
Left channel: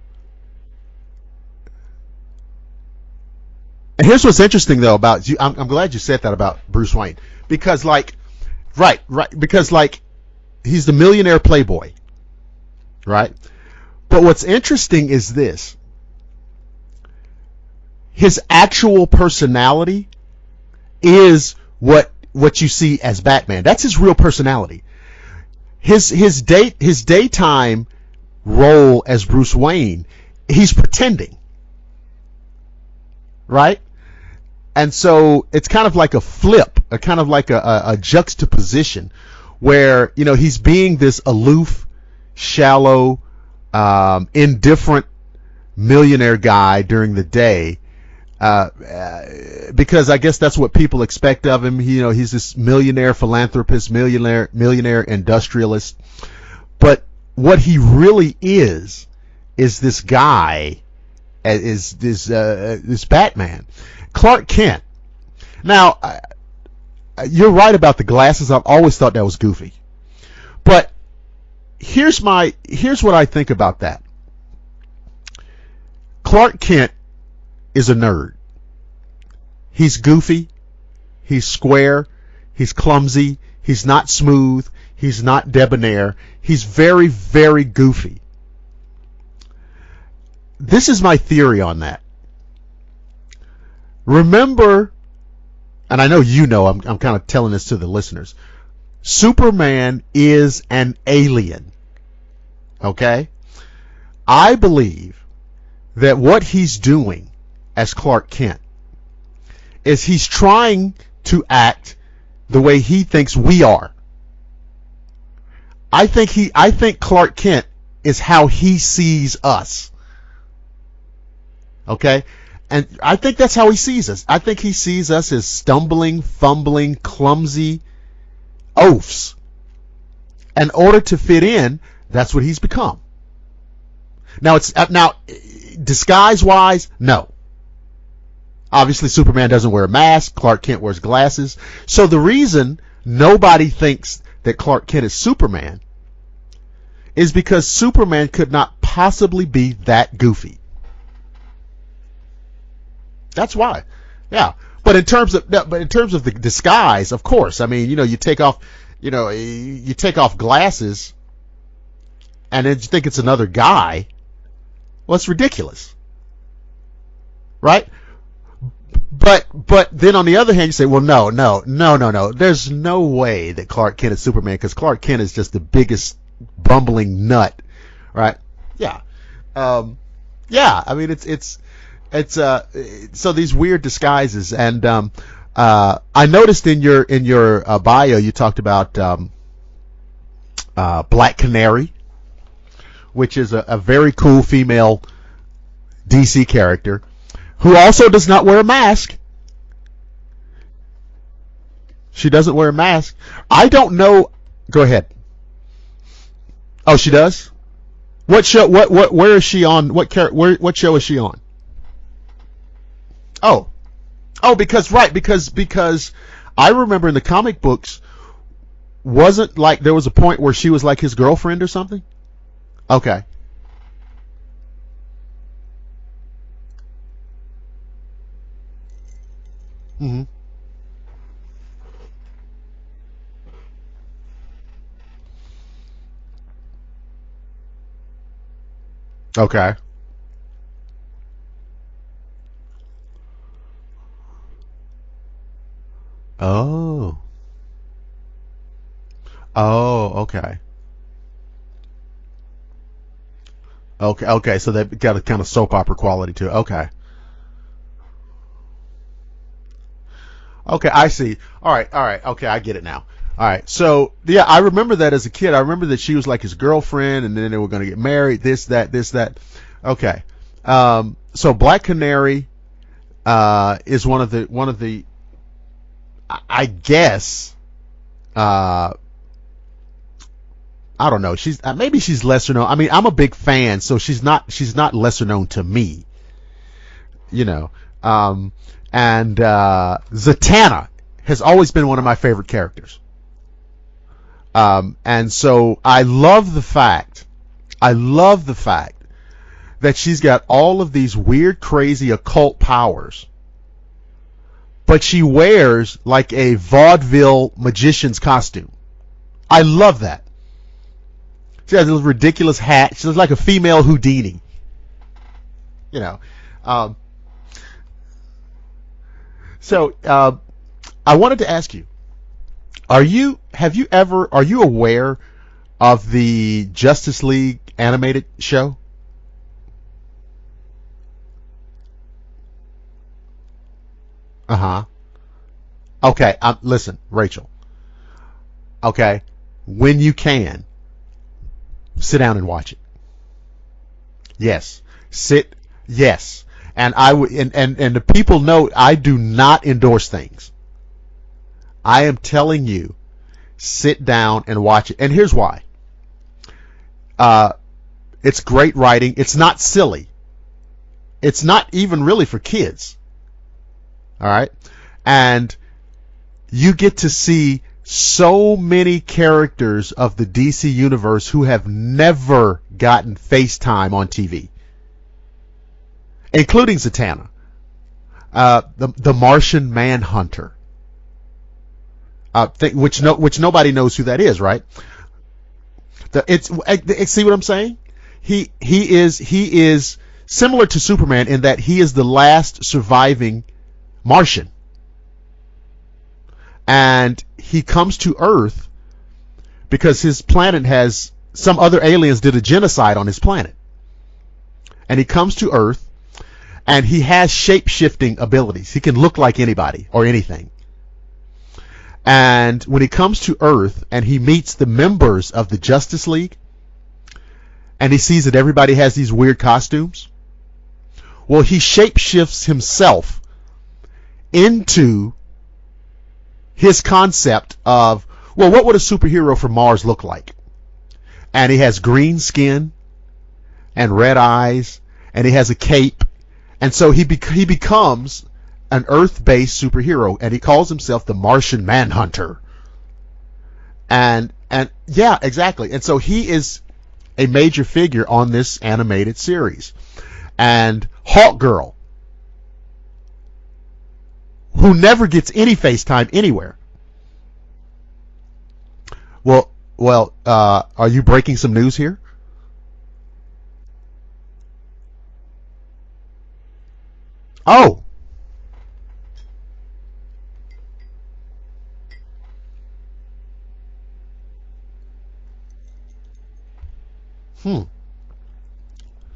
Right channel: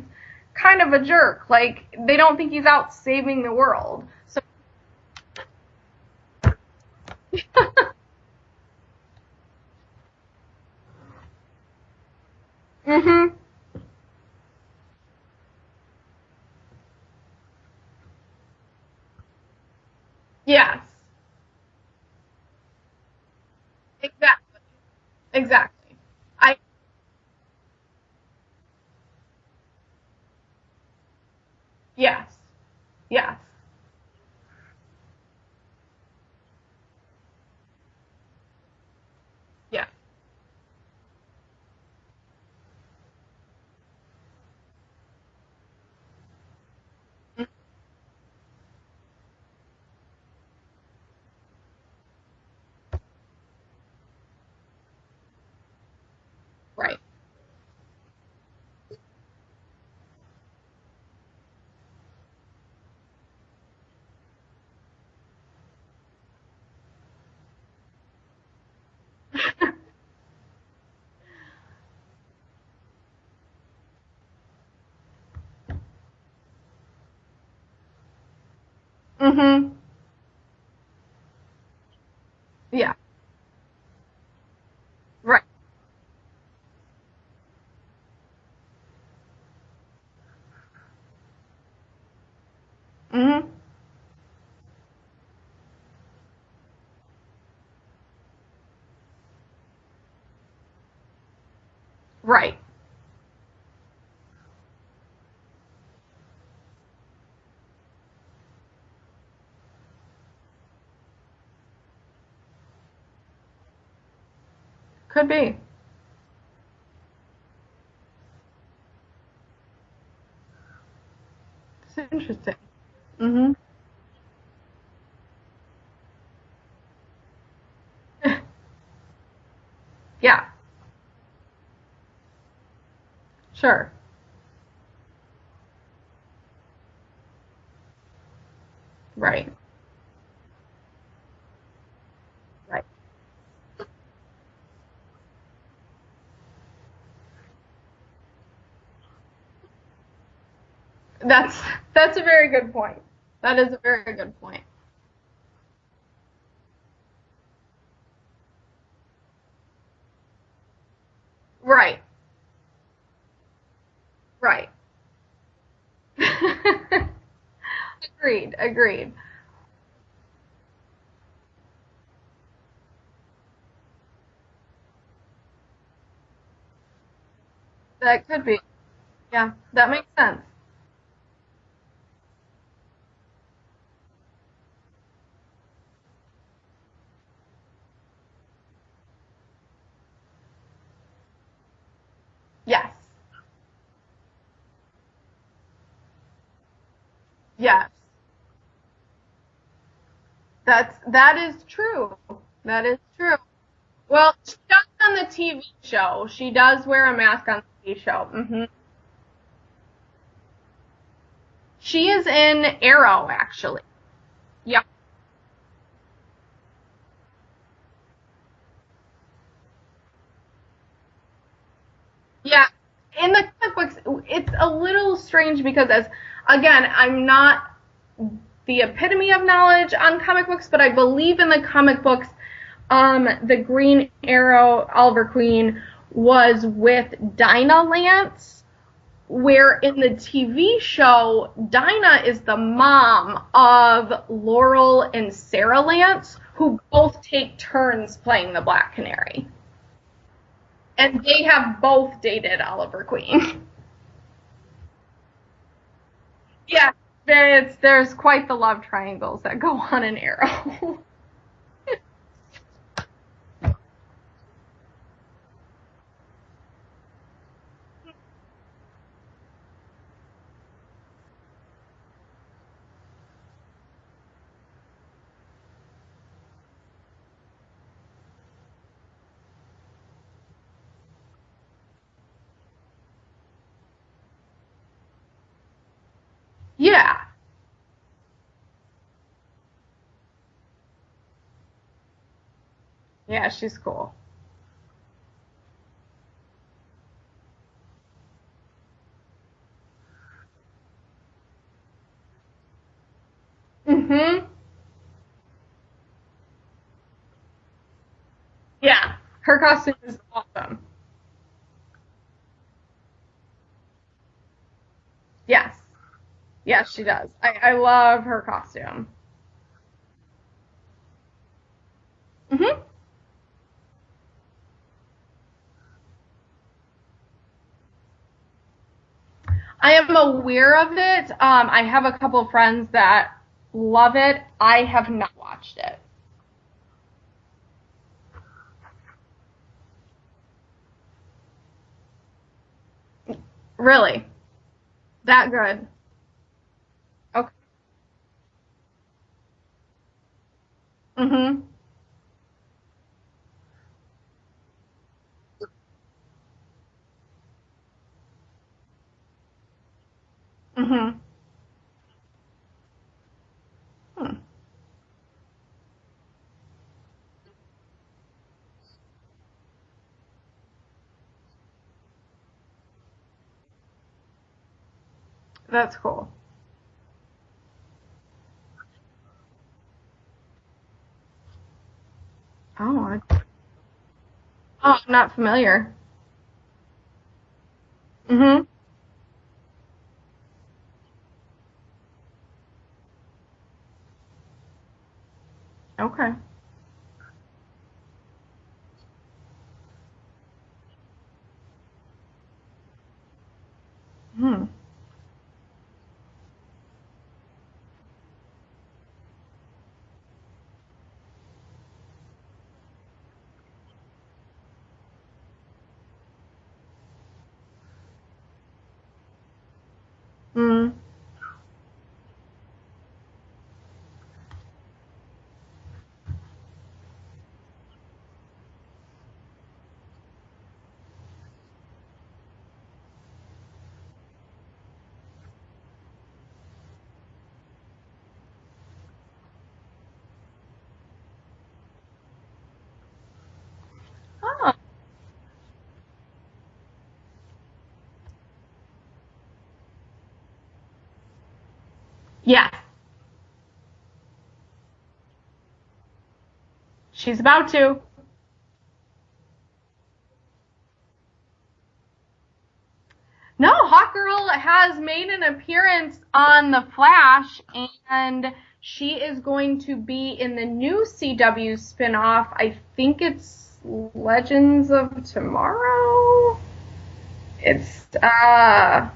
kind of a jerk. Like, they don't think he's out saving the world. And here's what's interesting, though, about you. I'm glad you said that about Bruce Wayne. Because, like, right. Because, like, he's the millionaire playboy. Right? But what's interesting is this. His actual personality is what you see as Batman. That's his real personality. Exactly. His daytime role as Bruce Wayne, he's pretending. Yes. Right? And so it's kind of like a flip, a kind of like a juxtaposition where, you know, he's being this aloof, shallow, indifferent millionaire guy during the day. Because I guess that's what people expect of him. You know, he's this millionaire philanthropist, millionaire industrialist. But what he really is this guy, is this Batman, Clark Kent. Now, you're right about the glasses. I've always thought that was goofy. But here's what I think about that. Clark Kent is a nerd. He's goofy. He's square. He's clumsy. He's not smooth. He's not debonair. He's very, very goofy. This is my theory on that. Remember, and I know you know, I'm kind of telling this to the listeners. Superman is an alien. Right. Okay? I believe that what he's doing as Clark Kent is he's trying to act the way he thinks we are. Could be. I think Clark Kent is how he sees us. Okay? And I think that's how he sees us. I think he sees us as stumbling, fumbling, clumsy oafs. Yeah. In order to fit in, that's what he's become. Sure. Now disguise-wise, no. Obviously, Superman doesn't wear a mask. Clark Kent wears glasses. So the reason nobody thinks that Clark Kent is Superman is because Superman could not possibly be that goofy. That's a very good point. That's why. why. Is a very good point. Yeah. But in terms of the disguise, of course. I mean, you take off glasses. Right. And then you think it's another guy. Right. Well, it's ridiculous. Right? Agreed. But then on the other hand, you say, well, no. There's no way that Clark Kent is Superman because Clark Kent is just the biggest bumbling nut. That could be. Yeah. Yeah. That makes sense. Yeah. I mean, it's so these weird disguises, and I noticed in your bio you talked about Black Canary. Yeah. Which is a very cool female DC character who also does not wear a mask. That is true. She doesn't wear a mask. Is true. I don't know. Well, Go ahead. On the TV show, she does. She wear a does. mask on the TV show. What show? Where is she on? What show is she on? She is in Arrow, actually. Oh, because because I remember in the comic books, wasn't like there was a point where she was like his girlfriend or something? Yeah. Okay. In the comic books, it's a little strange because, again, I'm not the epitome of knowledge on comic books, but I believe in the comic books, the Green Arrow, Oliver Queen, was with Dinah Lance, where in the TV show, Dinah is the mom of Laurel and Sarah Lance, who both take turns playing the Black Canary. Oh, okay. And they have both dated Oliver Queen. Okay, so they've got a kind of soap opera quality to it. Okay. Yeah, there's quite the love triangles that go on in Arrow. Okay, I see. All right. Okay, I get it now. All right, so yeah, I remember that as a kid. I remember that she was like his girlfriend, and then they were going to get married. This, that. Okay, so Black Canary is one of the. I guess. I don't know. Maybe she's lesser known. I mean, I'm a big fan, so she's not lesser known to me. Yeah. And Zatanna has always been one of my favorite characters. Yeah, she's cool. And so I love the fact that she's got all of these weird, crazy occult powers. Mm-hmm. But she wears like a vaudeville magician's costume. Yeah. I love that. Awesome. She has a ridiculous hat. She looks like a female Houdini. Yes. Yeah, she does. I love her costume. So, I wanted to ask you, are you aware of the Justice League animated show? I am aware of it. I have a couple of friends that love it. I have not watched it. Okay, listen, Rachel. Okay, when you can, sit down and watch it. Really? Yes. That good? Yes. And I would, and the people know I do not endorse things. Mm-hmm. I am telling you, sit down and watch it. And here's why. It's great writing. It's not silly. Mm-hmm. It's not even really for kids. All right? And you get to see so many characters of the DC universe who have never gotten FaceTime on TV. That's cool. Including Zatanna. The Martian Manhunter. Which nobody knows who that is, right? Oh, I'm not familiar. See what I'm saying? He is similar to Superman in that he is the last surviving Martian. Okay. And he comes to Earth because his planet has some other aliens did a genocide on his planet. And he comes to Earth, and he has shape-shifting abilities. He can look like anybody or anything. And when he comes to Earth and he meets the members of the Justice League, and he sees that everybody has these weird costumes, well, he shape-shifts himself into his concept of, well, what would a superhero from Mars look like? And he has green skin and red eyes, and he has a cape, and so he becomes an Earth-based superhero, and he calls himself the Martian Manhunter. And yeah, exactly. And so he is a major figure on this animated series. And Hawk Girl, Yeah. who never gets any FaceTime anywhere. She's about to. Well, are you breaking some news here? No, Hawkgirl has made an appearance on The Flash. Oh. And she is going to be in the new CW spinoff. I think it's Legends of Tomorrow. It's, yeah,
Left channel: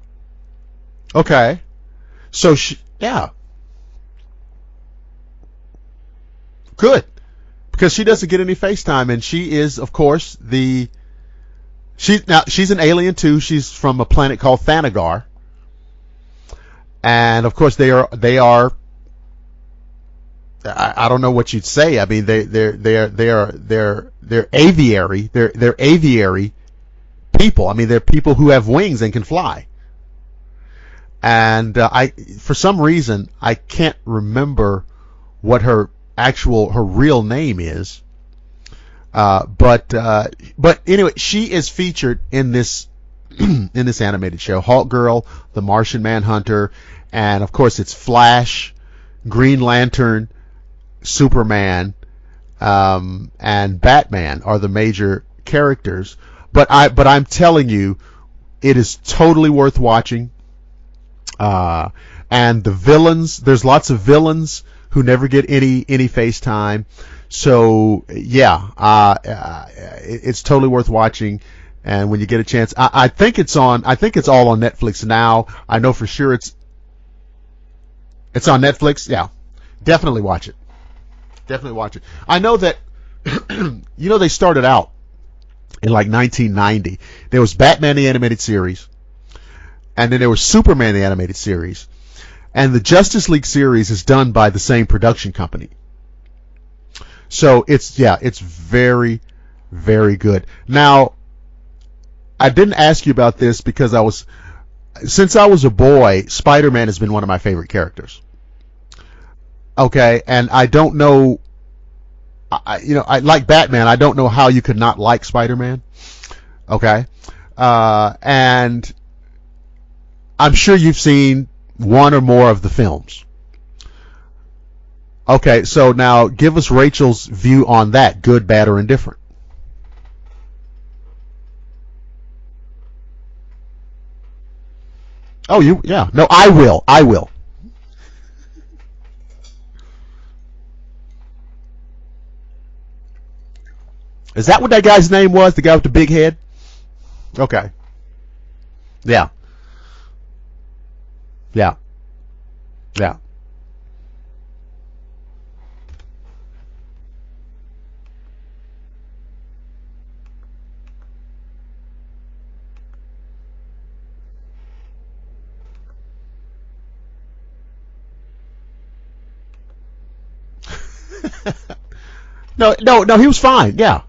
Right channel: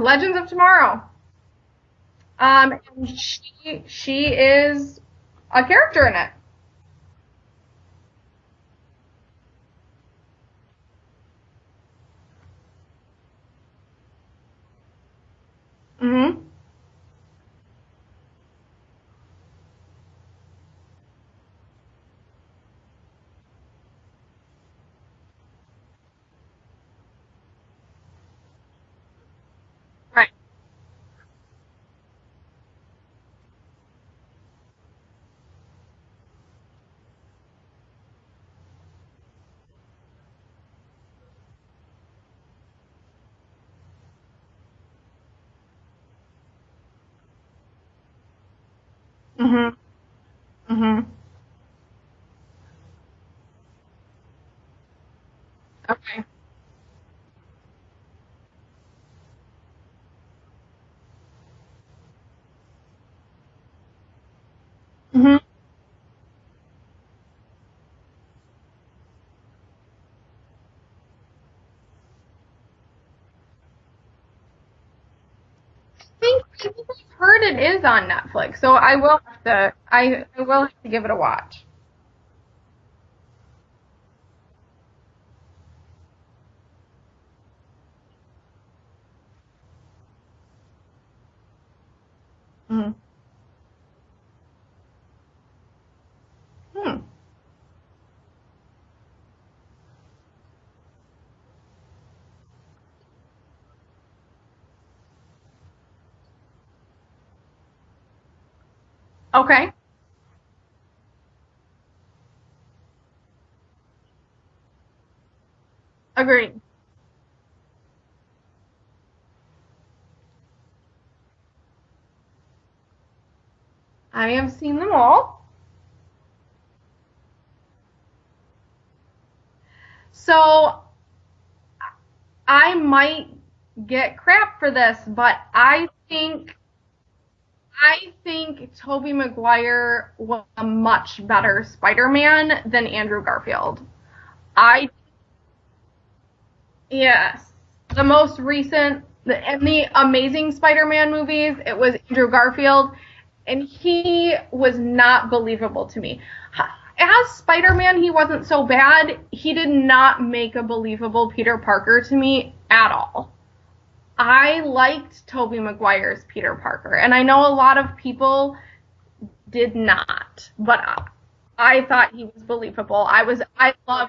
Legends of Tomorrow. Okay. So, she is a character in it. Good. Because she doesn't get any FaceTime, and she is, of course, she's an alien too. She's from a planet called Thanagar. And of course they are I don't know what you'd say. I mean they're aviary. They're aviary people. I mean they're people who have wings and can fly. Right. And for some reason I can't remember what her real name is. But anyway, she is featured in this in this animated show. Hawkgirl, the Martian Manhunter, and of course it's Flash, Green Lantern, Superman, and Batman are the major characters. Okay. But I'm telling you, it is totally worth watching. And the villains, there's lots of villains who never get any FaceTime. So yeah, it's totally worth watching. And when you get a chance, I think it's all on Netflix now. I know for sure it's. I've heard it is on Netflix. It's on Netflix. Definitely watch it. I will have to give it a watch. Definitely watch it. I know that. They started out in like 1990. There was Batman the Animated Series, and then there was Superman the Animated Series, and the Justice League series is done by the same production company. So it's very, very good. Now, I didn't ask you about this because since I was a boy, Spider-Man has been one of my favorite characters. Okay. Okay, and I don't know, I like Batman. I don't know how you could not like Spider-Man. Agreed. Okay, and I'm sure you've seen one or more of the films. I have seen them all. Okay, so now give us Rachel's view on that, good, bad, or indifferent. So, I might get crap for this, but I will. I think Tobey Maguire was a much better Spider-Man than Andrew Garfield. Is that what that guy's name was? The guy with the big head? Yeah. Okay. The most recent, in the Amazing Spider-Man movies, it was Andrew Garfield. Yeah. And he was not believable to me. As Spider-Man, he wasn't so bad. He did not make a believable Peter Parker to me at all. I liked Tobey Maguire's Peter Parker, and I know a lot of people did not, but I thought he was believable. No, he was fine. Yeah.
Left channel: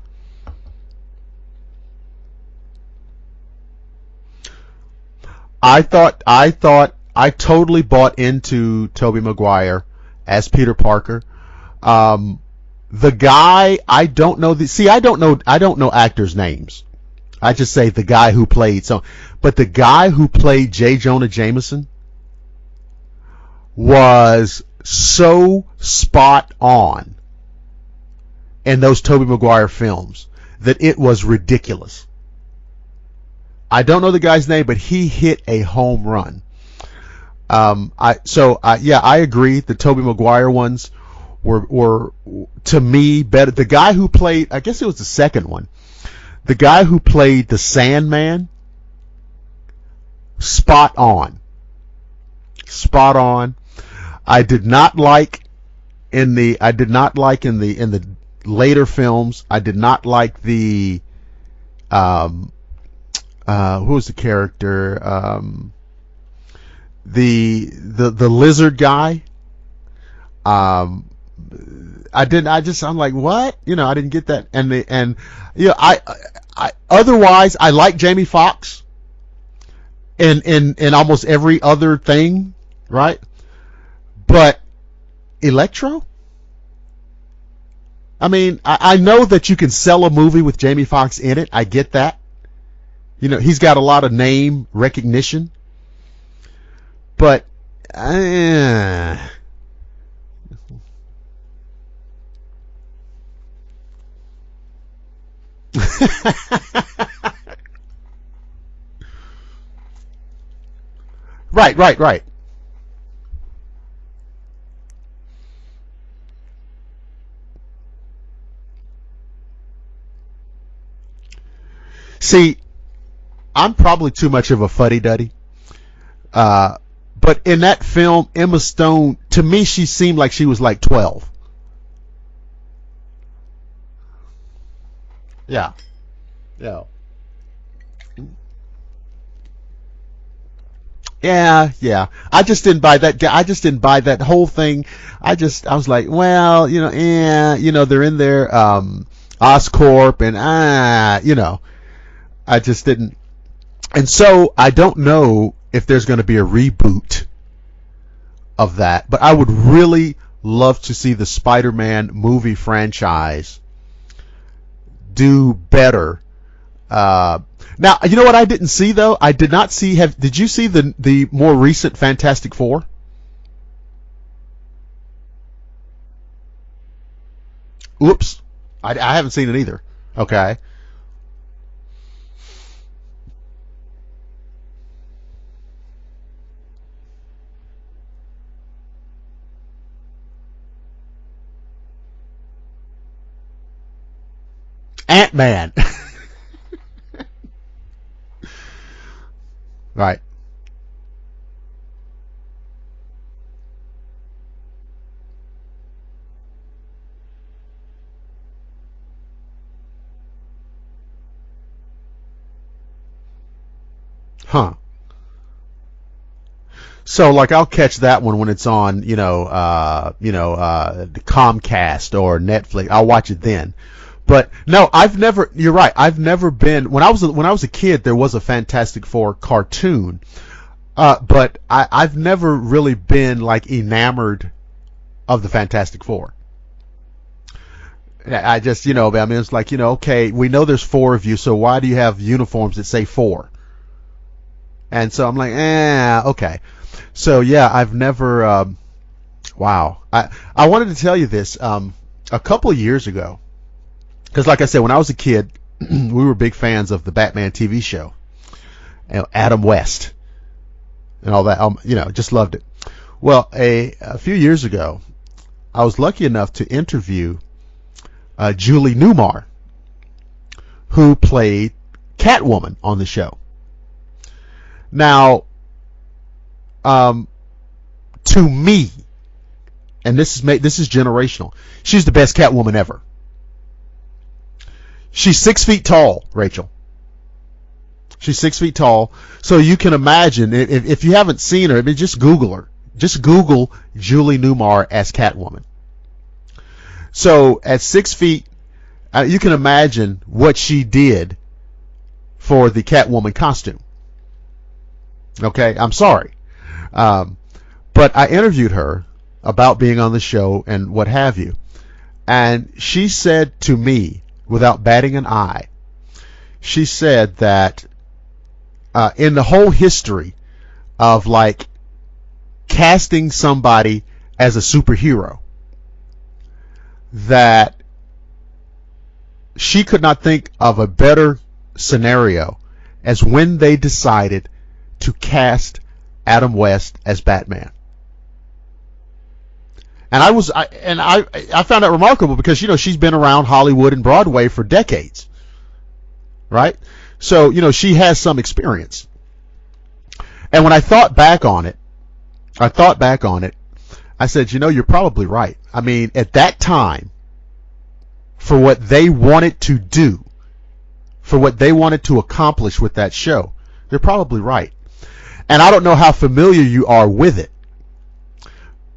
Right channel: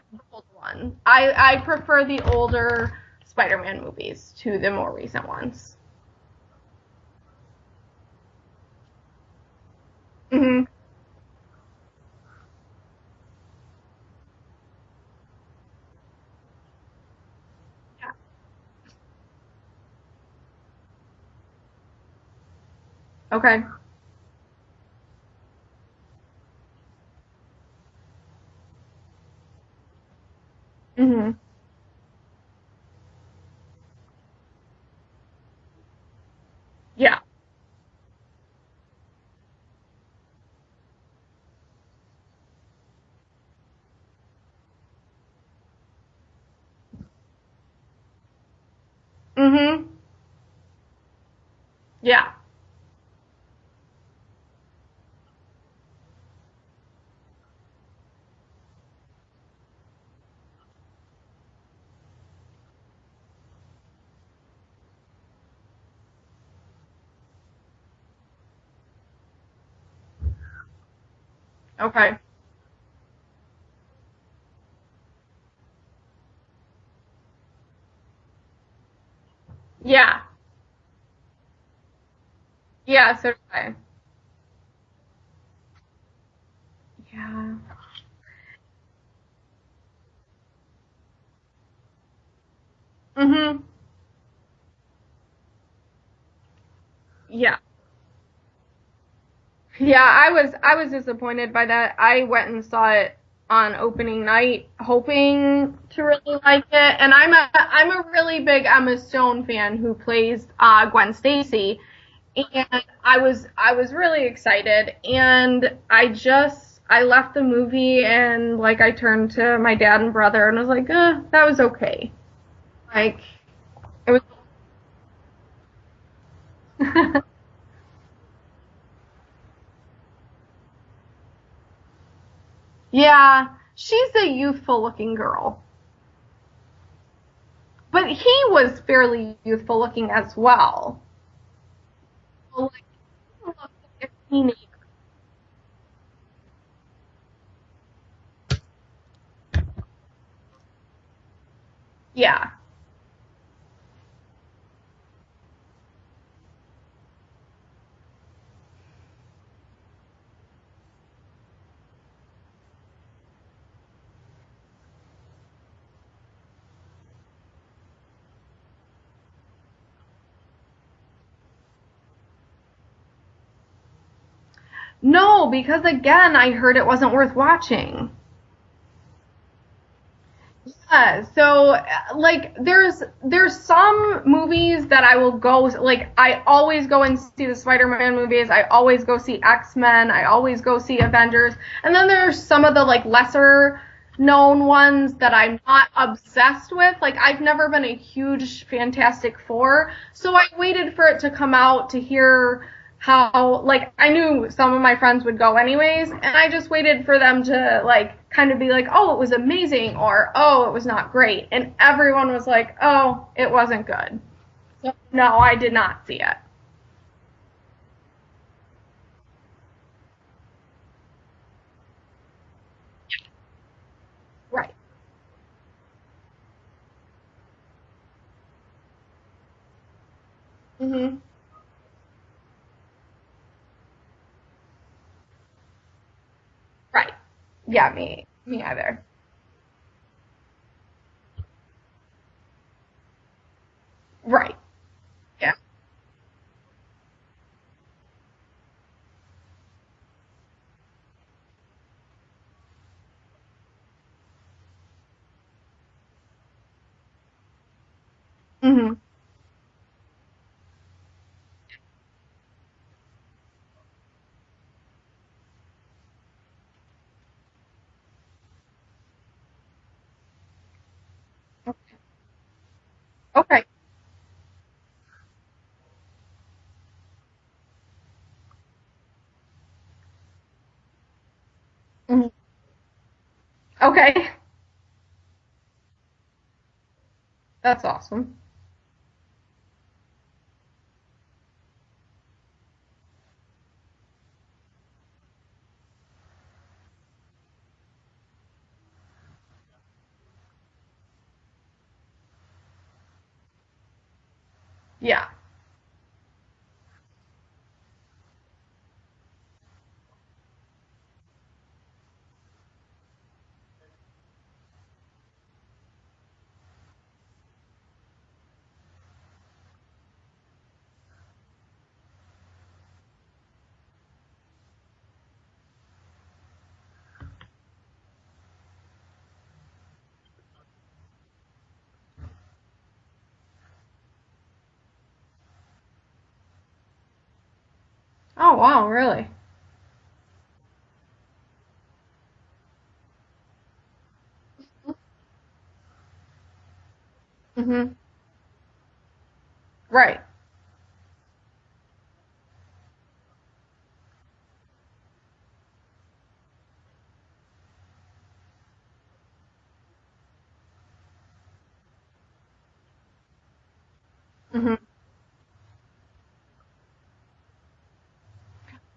I prefer the older Spider-Man movies to the more recent ones. I totally bought into Tobey Maguire as Peter Parker. The guy, I don't know I don't know actors' names. I just say the guy who played but the guy who played J. Jonah Jameson was so spot on in those Tobey Maguire films that it was ridiculous. I don't know the guy's name, but he hit a home run. Yeah. I agree. The Tobey Maguire ones were to me better. The guy who played, I guess it was the second one, the guy who played the Sandman, spot on. Yeah. Spot on. I did not like in the later films. I did not like the who was the character? The lizard guy. Okay. I'm like, what? I didn't get that. And I otherwise I like Jamie Foxx. Yeah. In almost every other thing. Yeah, right? so do I. But Electro? Yeah. I mean, I know that you can sell a movie with Jamie Foxx in it. I get that. He's got a lot of name recognition. But yeah. Yeah, I was disappointed by that. I went and saw it on opening night, hoping to really like it. And I'm a really big Emma Stone fan, who plays Gwen Stacy. Right. And I was really excited, and I left the movie and I turned to my dad and brother and was like, that was okay. See, I'm probably too much of a fuddy-duddy. But in that film, Emma Stone, to me, she seemed like she was 12. Yeah, she's a youthful-looking girl. Yeah. But he was fairly youthful-looking as well. Yeah. I just didn't buy that. I just didn't buy that whole thing. I was like, well, they're in there, Oscorp, and Yeah. I just didn't. And so I don't know if there's going to be a reboot of that, but I would really love to see the Spider-Man movie franchise do better. Now, you know what I didn't see though? I did not see. Did you see the more recent Fantastic Four? No, because again, I heard it wasn't worth watching. Oops, I haven't seen it either. Okay. Yeah, so there's some movies that I will go, I always go and see the Spider-Man movies, I always go see X-Men, I always go see Avengers, and then there's some of the lesser known ones that I'm not obsessed with. I've never been a huge Fantastic Four, right. So I waited for it to come out to hear how, I knew some of my friends would go anyways, and I just waited for them to kind of be oh, it was amazing, or oh, it was not great, and everyone was oh, it wasn't good. Huh. So, no, I did not see it. So I'll catch that one when it's on, the Comcast or Netflix. I'll watch it then. But right. No, you're right. I've never been, when I was a kid, there was a Fantastic Four cartoon. Mm-hmm. But I've never really been enamored of the Fantastic Four. Right. Yeah, me. I just, it's okay, we know there's 4 of you, so why do you have uniforms that say 4? Right. And so I'm okay. So yeah, I've never, wow. I wanted to tell you this, a couple of years ago, because like I said, when I was a kid, we were big fans of the Batman TV show. Mm-hmm. Adam West. And all that, just loved it. Well, a few years ago, I was lucky enough to interview Julie Newmar, who played Catwoman on the show. Okay. Now, to me, and this is generational, she's the best Catwoman ever. Okay. She's 6 feet tall, Rachel. That's awesome. She's 6 feet tall. So you can imagine, if you haven't seen her, just Google her. Just Google Julie Newmar as Catwoman. So at 6 feet, you can imagine what she did for the Catwoman costume. Yeah. Okay, I'm sorry. But I interviewed her about being on the show and what have you. And she said to me, without batting an eye, she said that in the whole history of casting somebody as a superhero, that she could not think of a better scenario as when they decided to cast Adam West as Batman. Oh, wow, really? And I found that remarkable because, she's been around Hollywood and Broadway for decades, right? So, she has some experience. Right. And when I thought back on it, I said, you're probably right. I mean, at that time, for what they wanted to do, for what they wanted to accomplish with that show, they're probably right. Mm-hmm. And I don't know how familiar you are with it.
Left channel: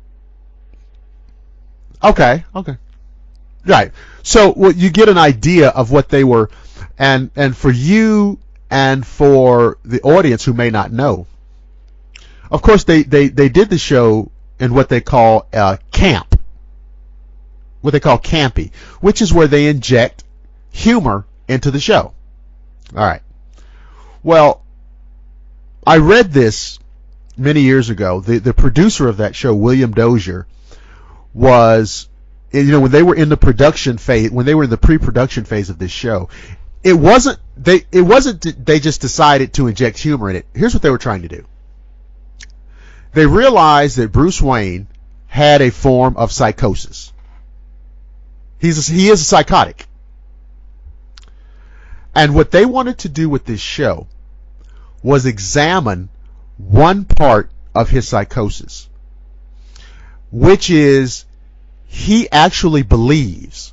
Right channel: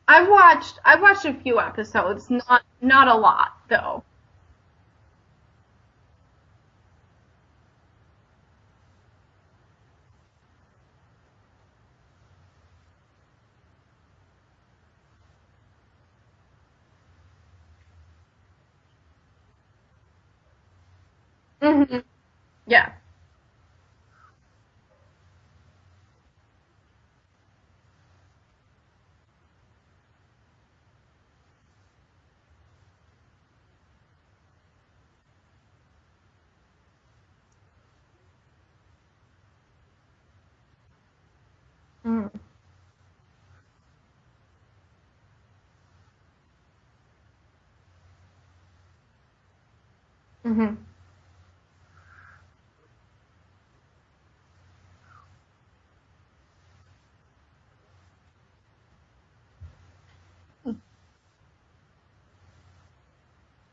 I've watched a few episodes. Okay. Not a lot. Right. So you get an idea of what they were, and for you and for the audience who may not know, of course they did the show in what they call camp, what they call campy, which is where they inject humor into the show. Yeah. All right. Well, I read this many years ago. The producer of that show, William Dozier, was, when they were in the production phase, when they were in the pre-production phase of this show, it wasn't they just decided to inject humor in it. Here's what they were trying to do. Mm. They realized that Bruce Wayne had a form of psychosis. He is a psychotic. Mm-hmm. And what they wanted to do with this show was examine one part of his psychosis, which is he actually believes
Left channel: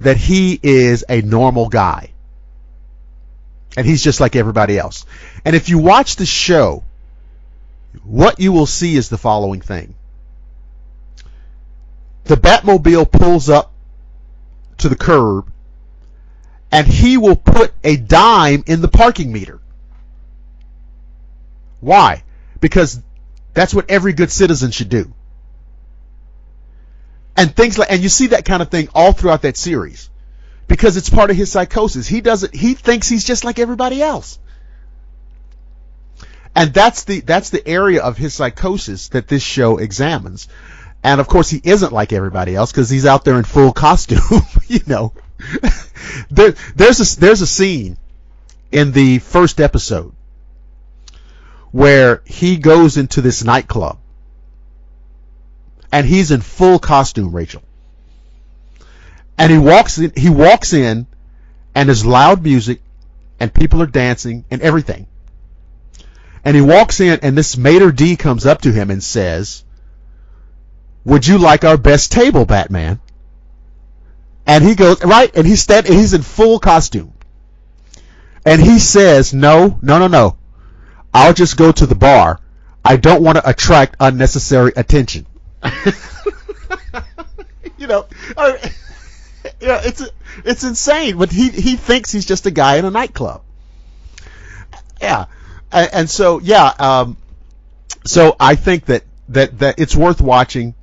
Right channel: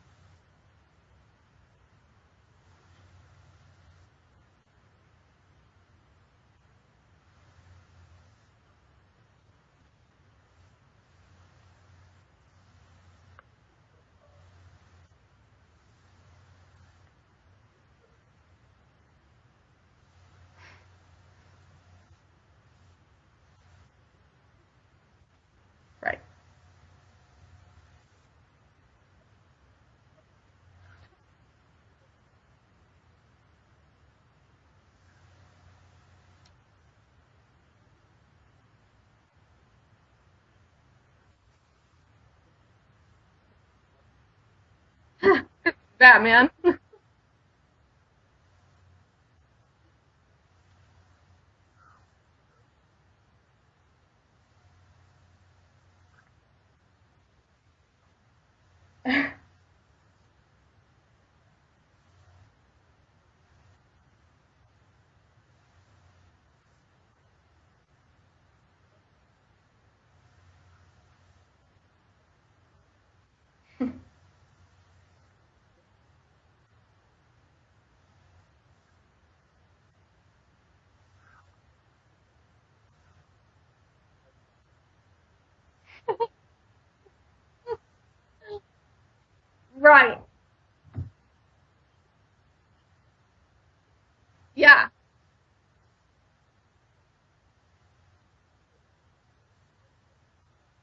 that he is a normal guy. And he's just like everybody else. And if you watch the show, what you will see is the following thing. The Batmobile pulls up to the curb, and he will put a dime in the parking meter. Why? Because that's what every good citizen should do. Right. And and you see that kind of thing all throughout that series, because it's part of his psychosis. He thinks he's just like everybody else. And that's the area of his psychosis that this show examines. And of course, he isn't like everybody else because he's out there in full costume. Batman. There's a scene in the first episode where he goes into this nightclub, and he's in full costume, Rachel. And he walks in, and there's loud music, and people are dancing and everything. And he walks in, and this Mater D comes up to him and says, "Would you like our best table, Batman?" And he goes, right, and he's in full costume. And he says, no. I'll just go to the bar. I don't want to attract unnecessary attention. Right. It's insane, but he thinks he's just a guy in a nightclub. Yeah. Yeah. And so, so I think that it's worth watching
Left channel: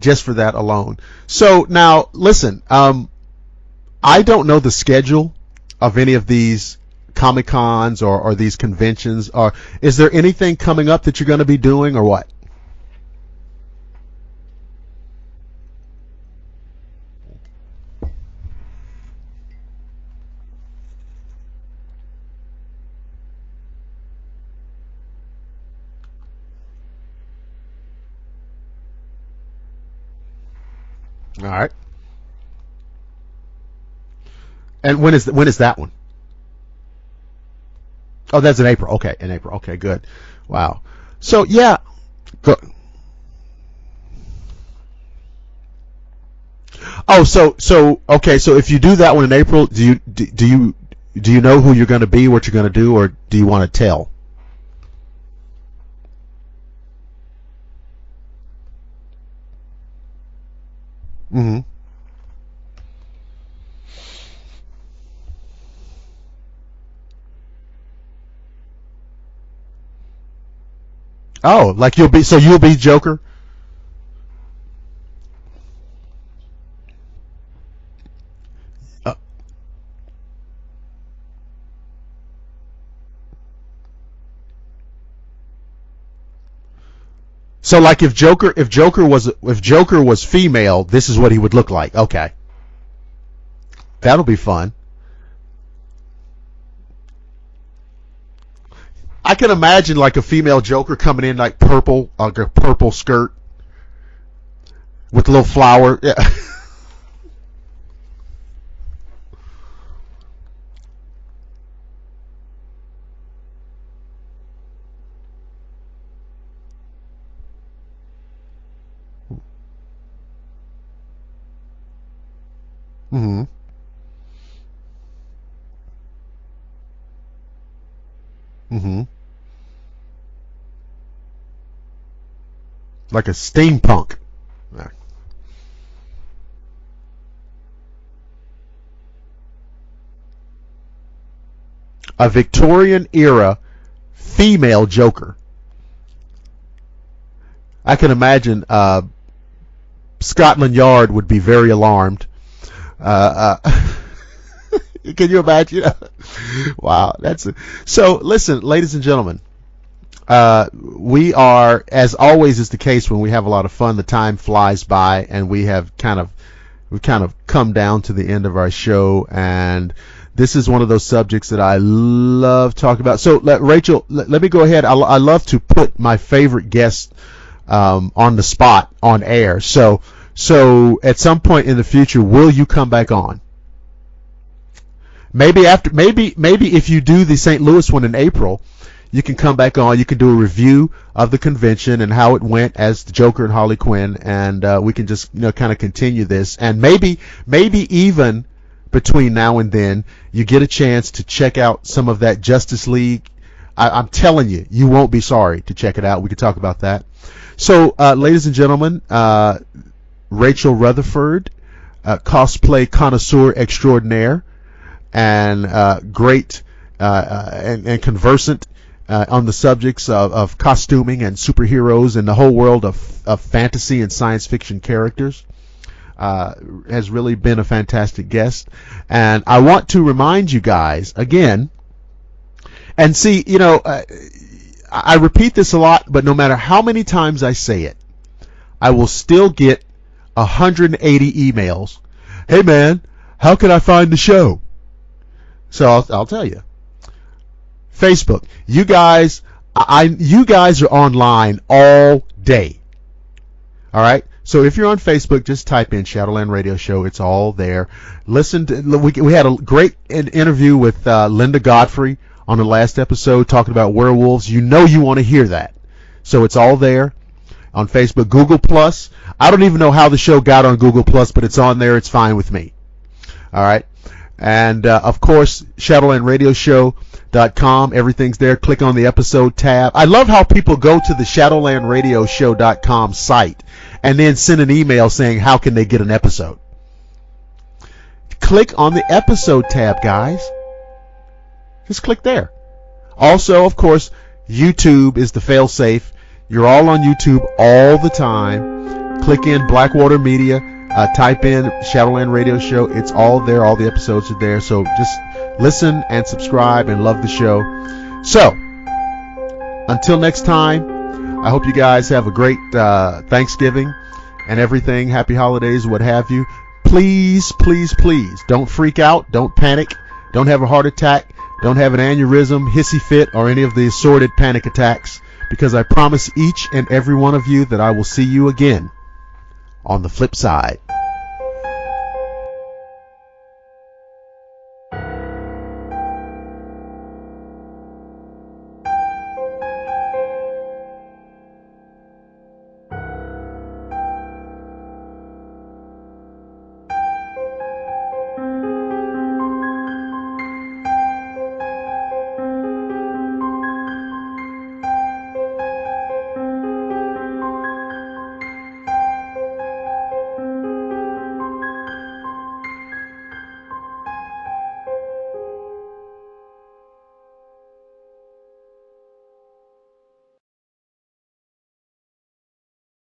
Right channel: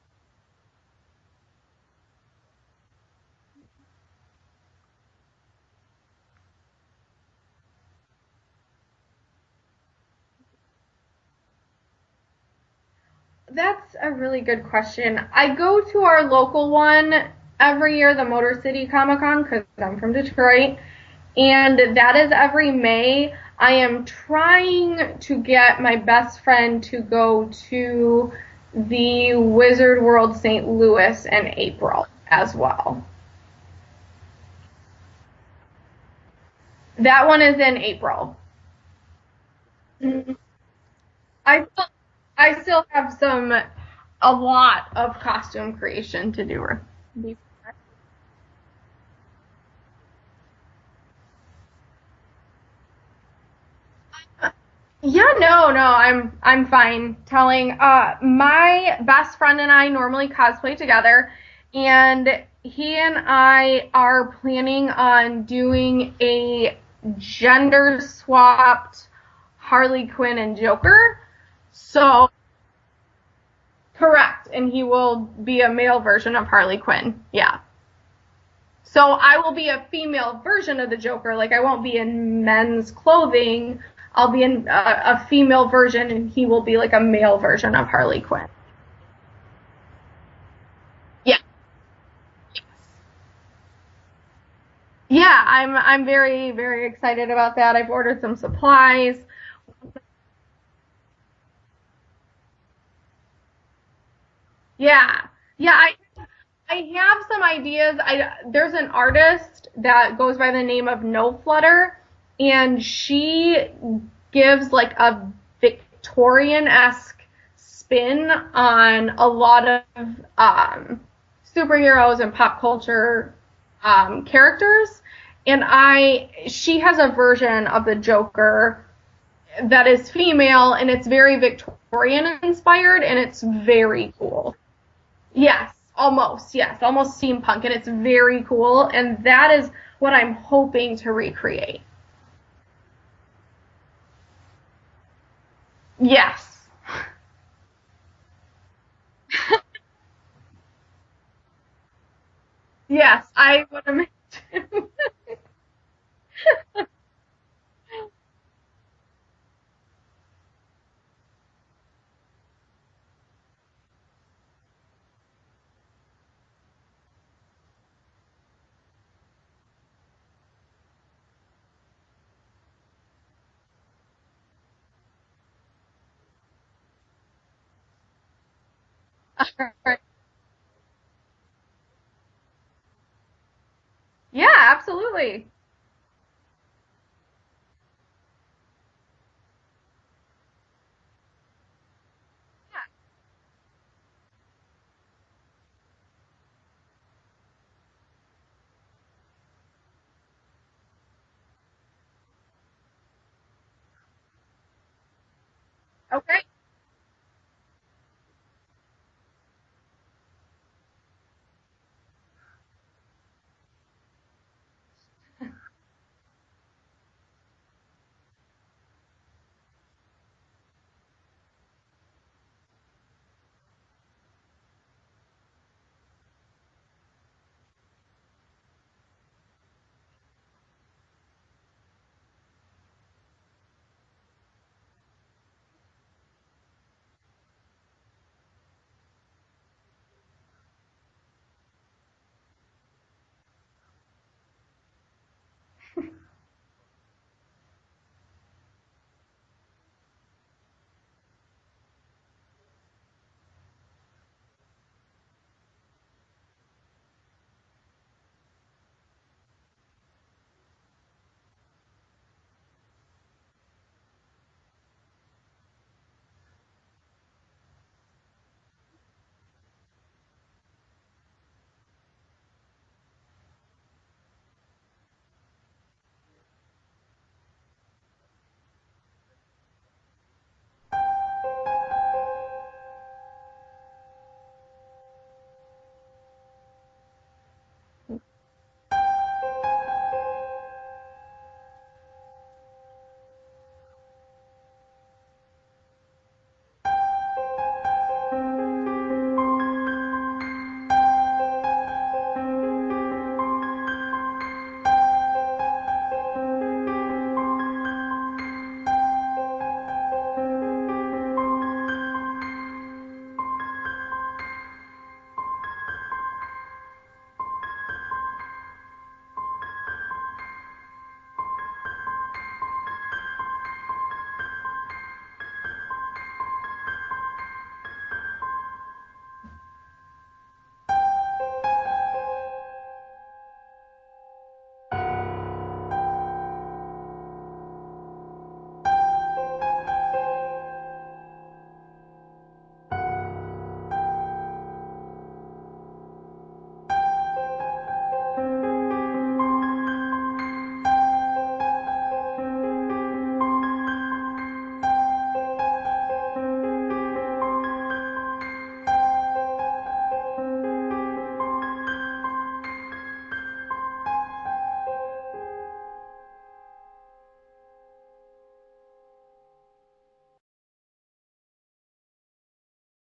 just for that alone. So now, listen, I don't know the schedule of any of these Comic-Cons or these conventions. Or is there anything coming up that you're going to be doing, or what? That's a really good question. I go to our local one every year, the Motor City Comic-Con, because I'm from Detroit, and that is every May. I am trying to get my best friend to go to the Wizard World St. Louis in April as well. And when is that one? That one is in April. Oh, that's in April. Okay, in April. Okay, good. Mm-hmm. Wow. So I still have a lot of costume creation to do. Oh, so okay. So if you do that one in April, do you know who you're going to be, what you're going to do, or do you want to tell? Yeah, no, I'm fine telling. My best friend and I normally cosplay together, mm-hmm. and he and I are planning on doing a gender-swapped Harley Quinn and Joker. Oh, you'll be Joker? Correct, and he will be a male version of Harley Quinn. Yeah. So I will be a female version of the Joker. Like, I won't be in men's clothing. I'll be in a female version, and he will be like a male version. So, of like, Harley if Joker was female, this is what he would look like. Okay, that'll be fun. Yeah, I'm very, very excited about that. I've ordered some supplies. I can imagine like a female Joker coming in like purple, like a purple skirt, Yeah. With a little flower. Yeah. I have some ideas. There's an artist that goes by the name of No Flutter, and she gives like a Victorian-esque spin on a lot of superheroes and pop culture characters. And she has a version of the Joker that is female, and it's very Victorian inspired, and like it's a very steampunk. cool. Yeah. Yes, almost steampunk, and it's very cool, and that is what I'm hoping to recreate. A Victorian era female Joker. Yes. I can imagine Scotland Yard would be very alarmed. Yeah, Can you imagine? Wow, so. Listen, ladies and gentlemen, we are, as always is the case when we have a lot of fun, the time flies by, and we've kind of come down to the end of our show, and this is one of those subjects that I love talking about. So, Rachel, let me go ahead. I love to put my favorite guest on the spot on air. So at some point in the future, will you come back on? Yeah, absolutely. Maybe if you do the St. Louis one in April, you can come back on. You can do a review of the convention and how it went as the Joker and Harley Quinn, and we can just kind of continue this. And maybe even between now and then, you get a chance to check out some of that Justice League. I'm telling you, you won't be sorry to check it out. We can talk about that. So, ladies and gentlemen, Rachel Rutherford, cosplay connoisseur extraordinaire, and great and conversant on the subjects of costuming and superheroes and the whole world of fantasy and science fiction characters, has really been a fantastic guest. And I want to remind you guys again, and see, I repeat this a lot, but no matter how many times I say it, I will still get 180 emails. Hey man, how can I find the show? So I'll tell you. Facebook. You guys are online all day. All right? So if you're on Facebook, just type in Shadowland Radio Show. It's all there. We had a great interview with Linda Godfrey on the last episode talking about werewolves. You want to hear that. So it's all there on Facebook. Google Plus. I don't even know how the show got on Google Plus, but it's on there. It's fine with me. All right? And, of course, ShadowlandRadioShow.com. Everything's there. Click on the episode tab. I love how people go to the ShadowlandRadioShow.com site and then send an email saying how can they get an episode. Click on the episode tab, guys. Just click there. Also, of course, YouTube is the fail-safe. You're all on YouTube all the time. Click in Blackwater Media. Type in Shadowland Radio Show. It's all there. All the episodes are there. So just listen and subscribe and love the show. So, until next time, I hope you guys have a great Thanksgiving and everything. Happy holidays, what have you. Please, please, please, don't freak out. Don't panic. Don't have a heart attack. Don't have an aneurysm, hissy fit, or any of the assorted panic attacks, because I promise each and every one of you that I will see you again on the flip side.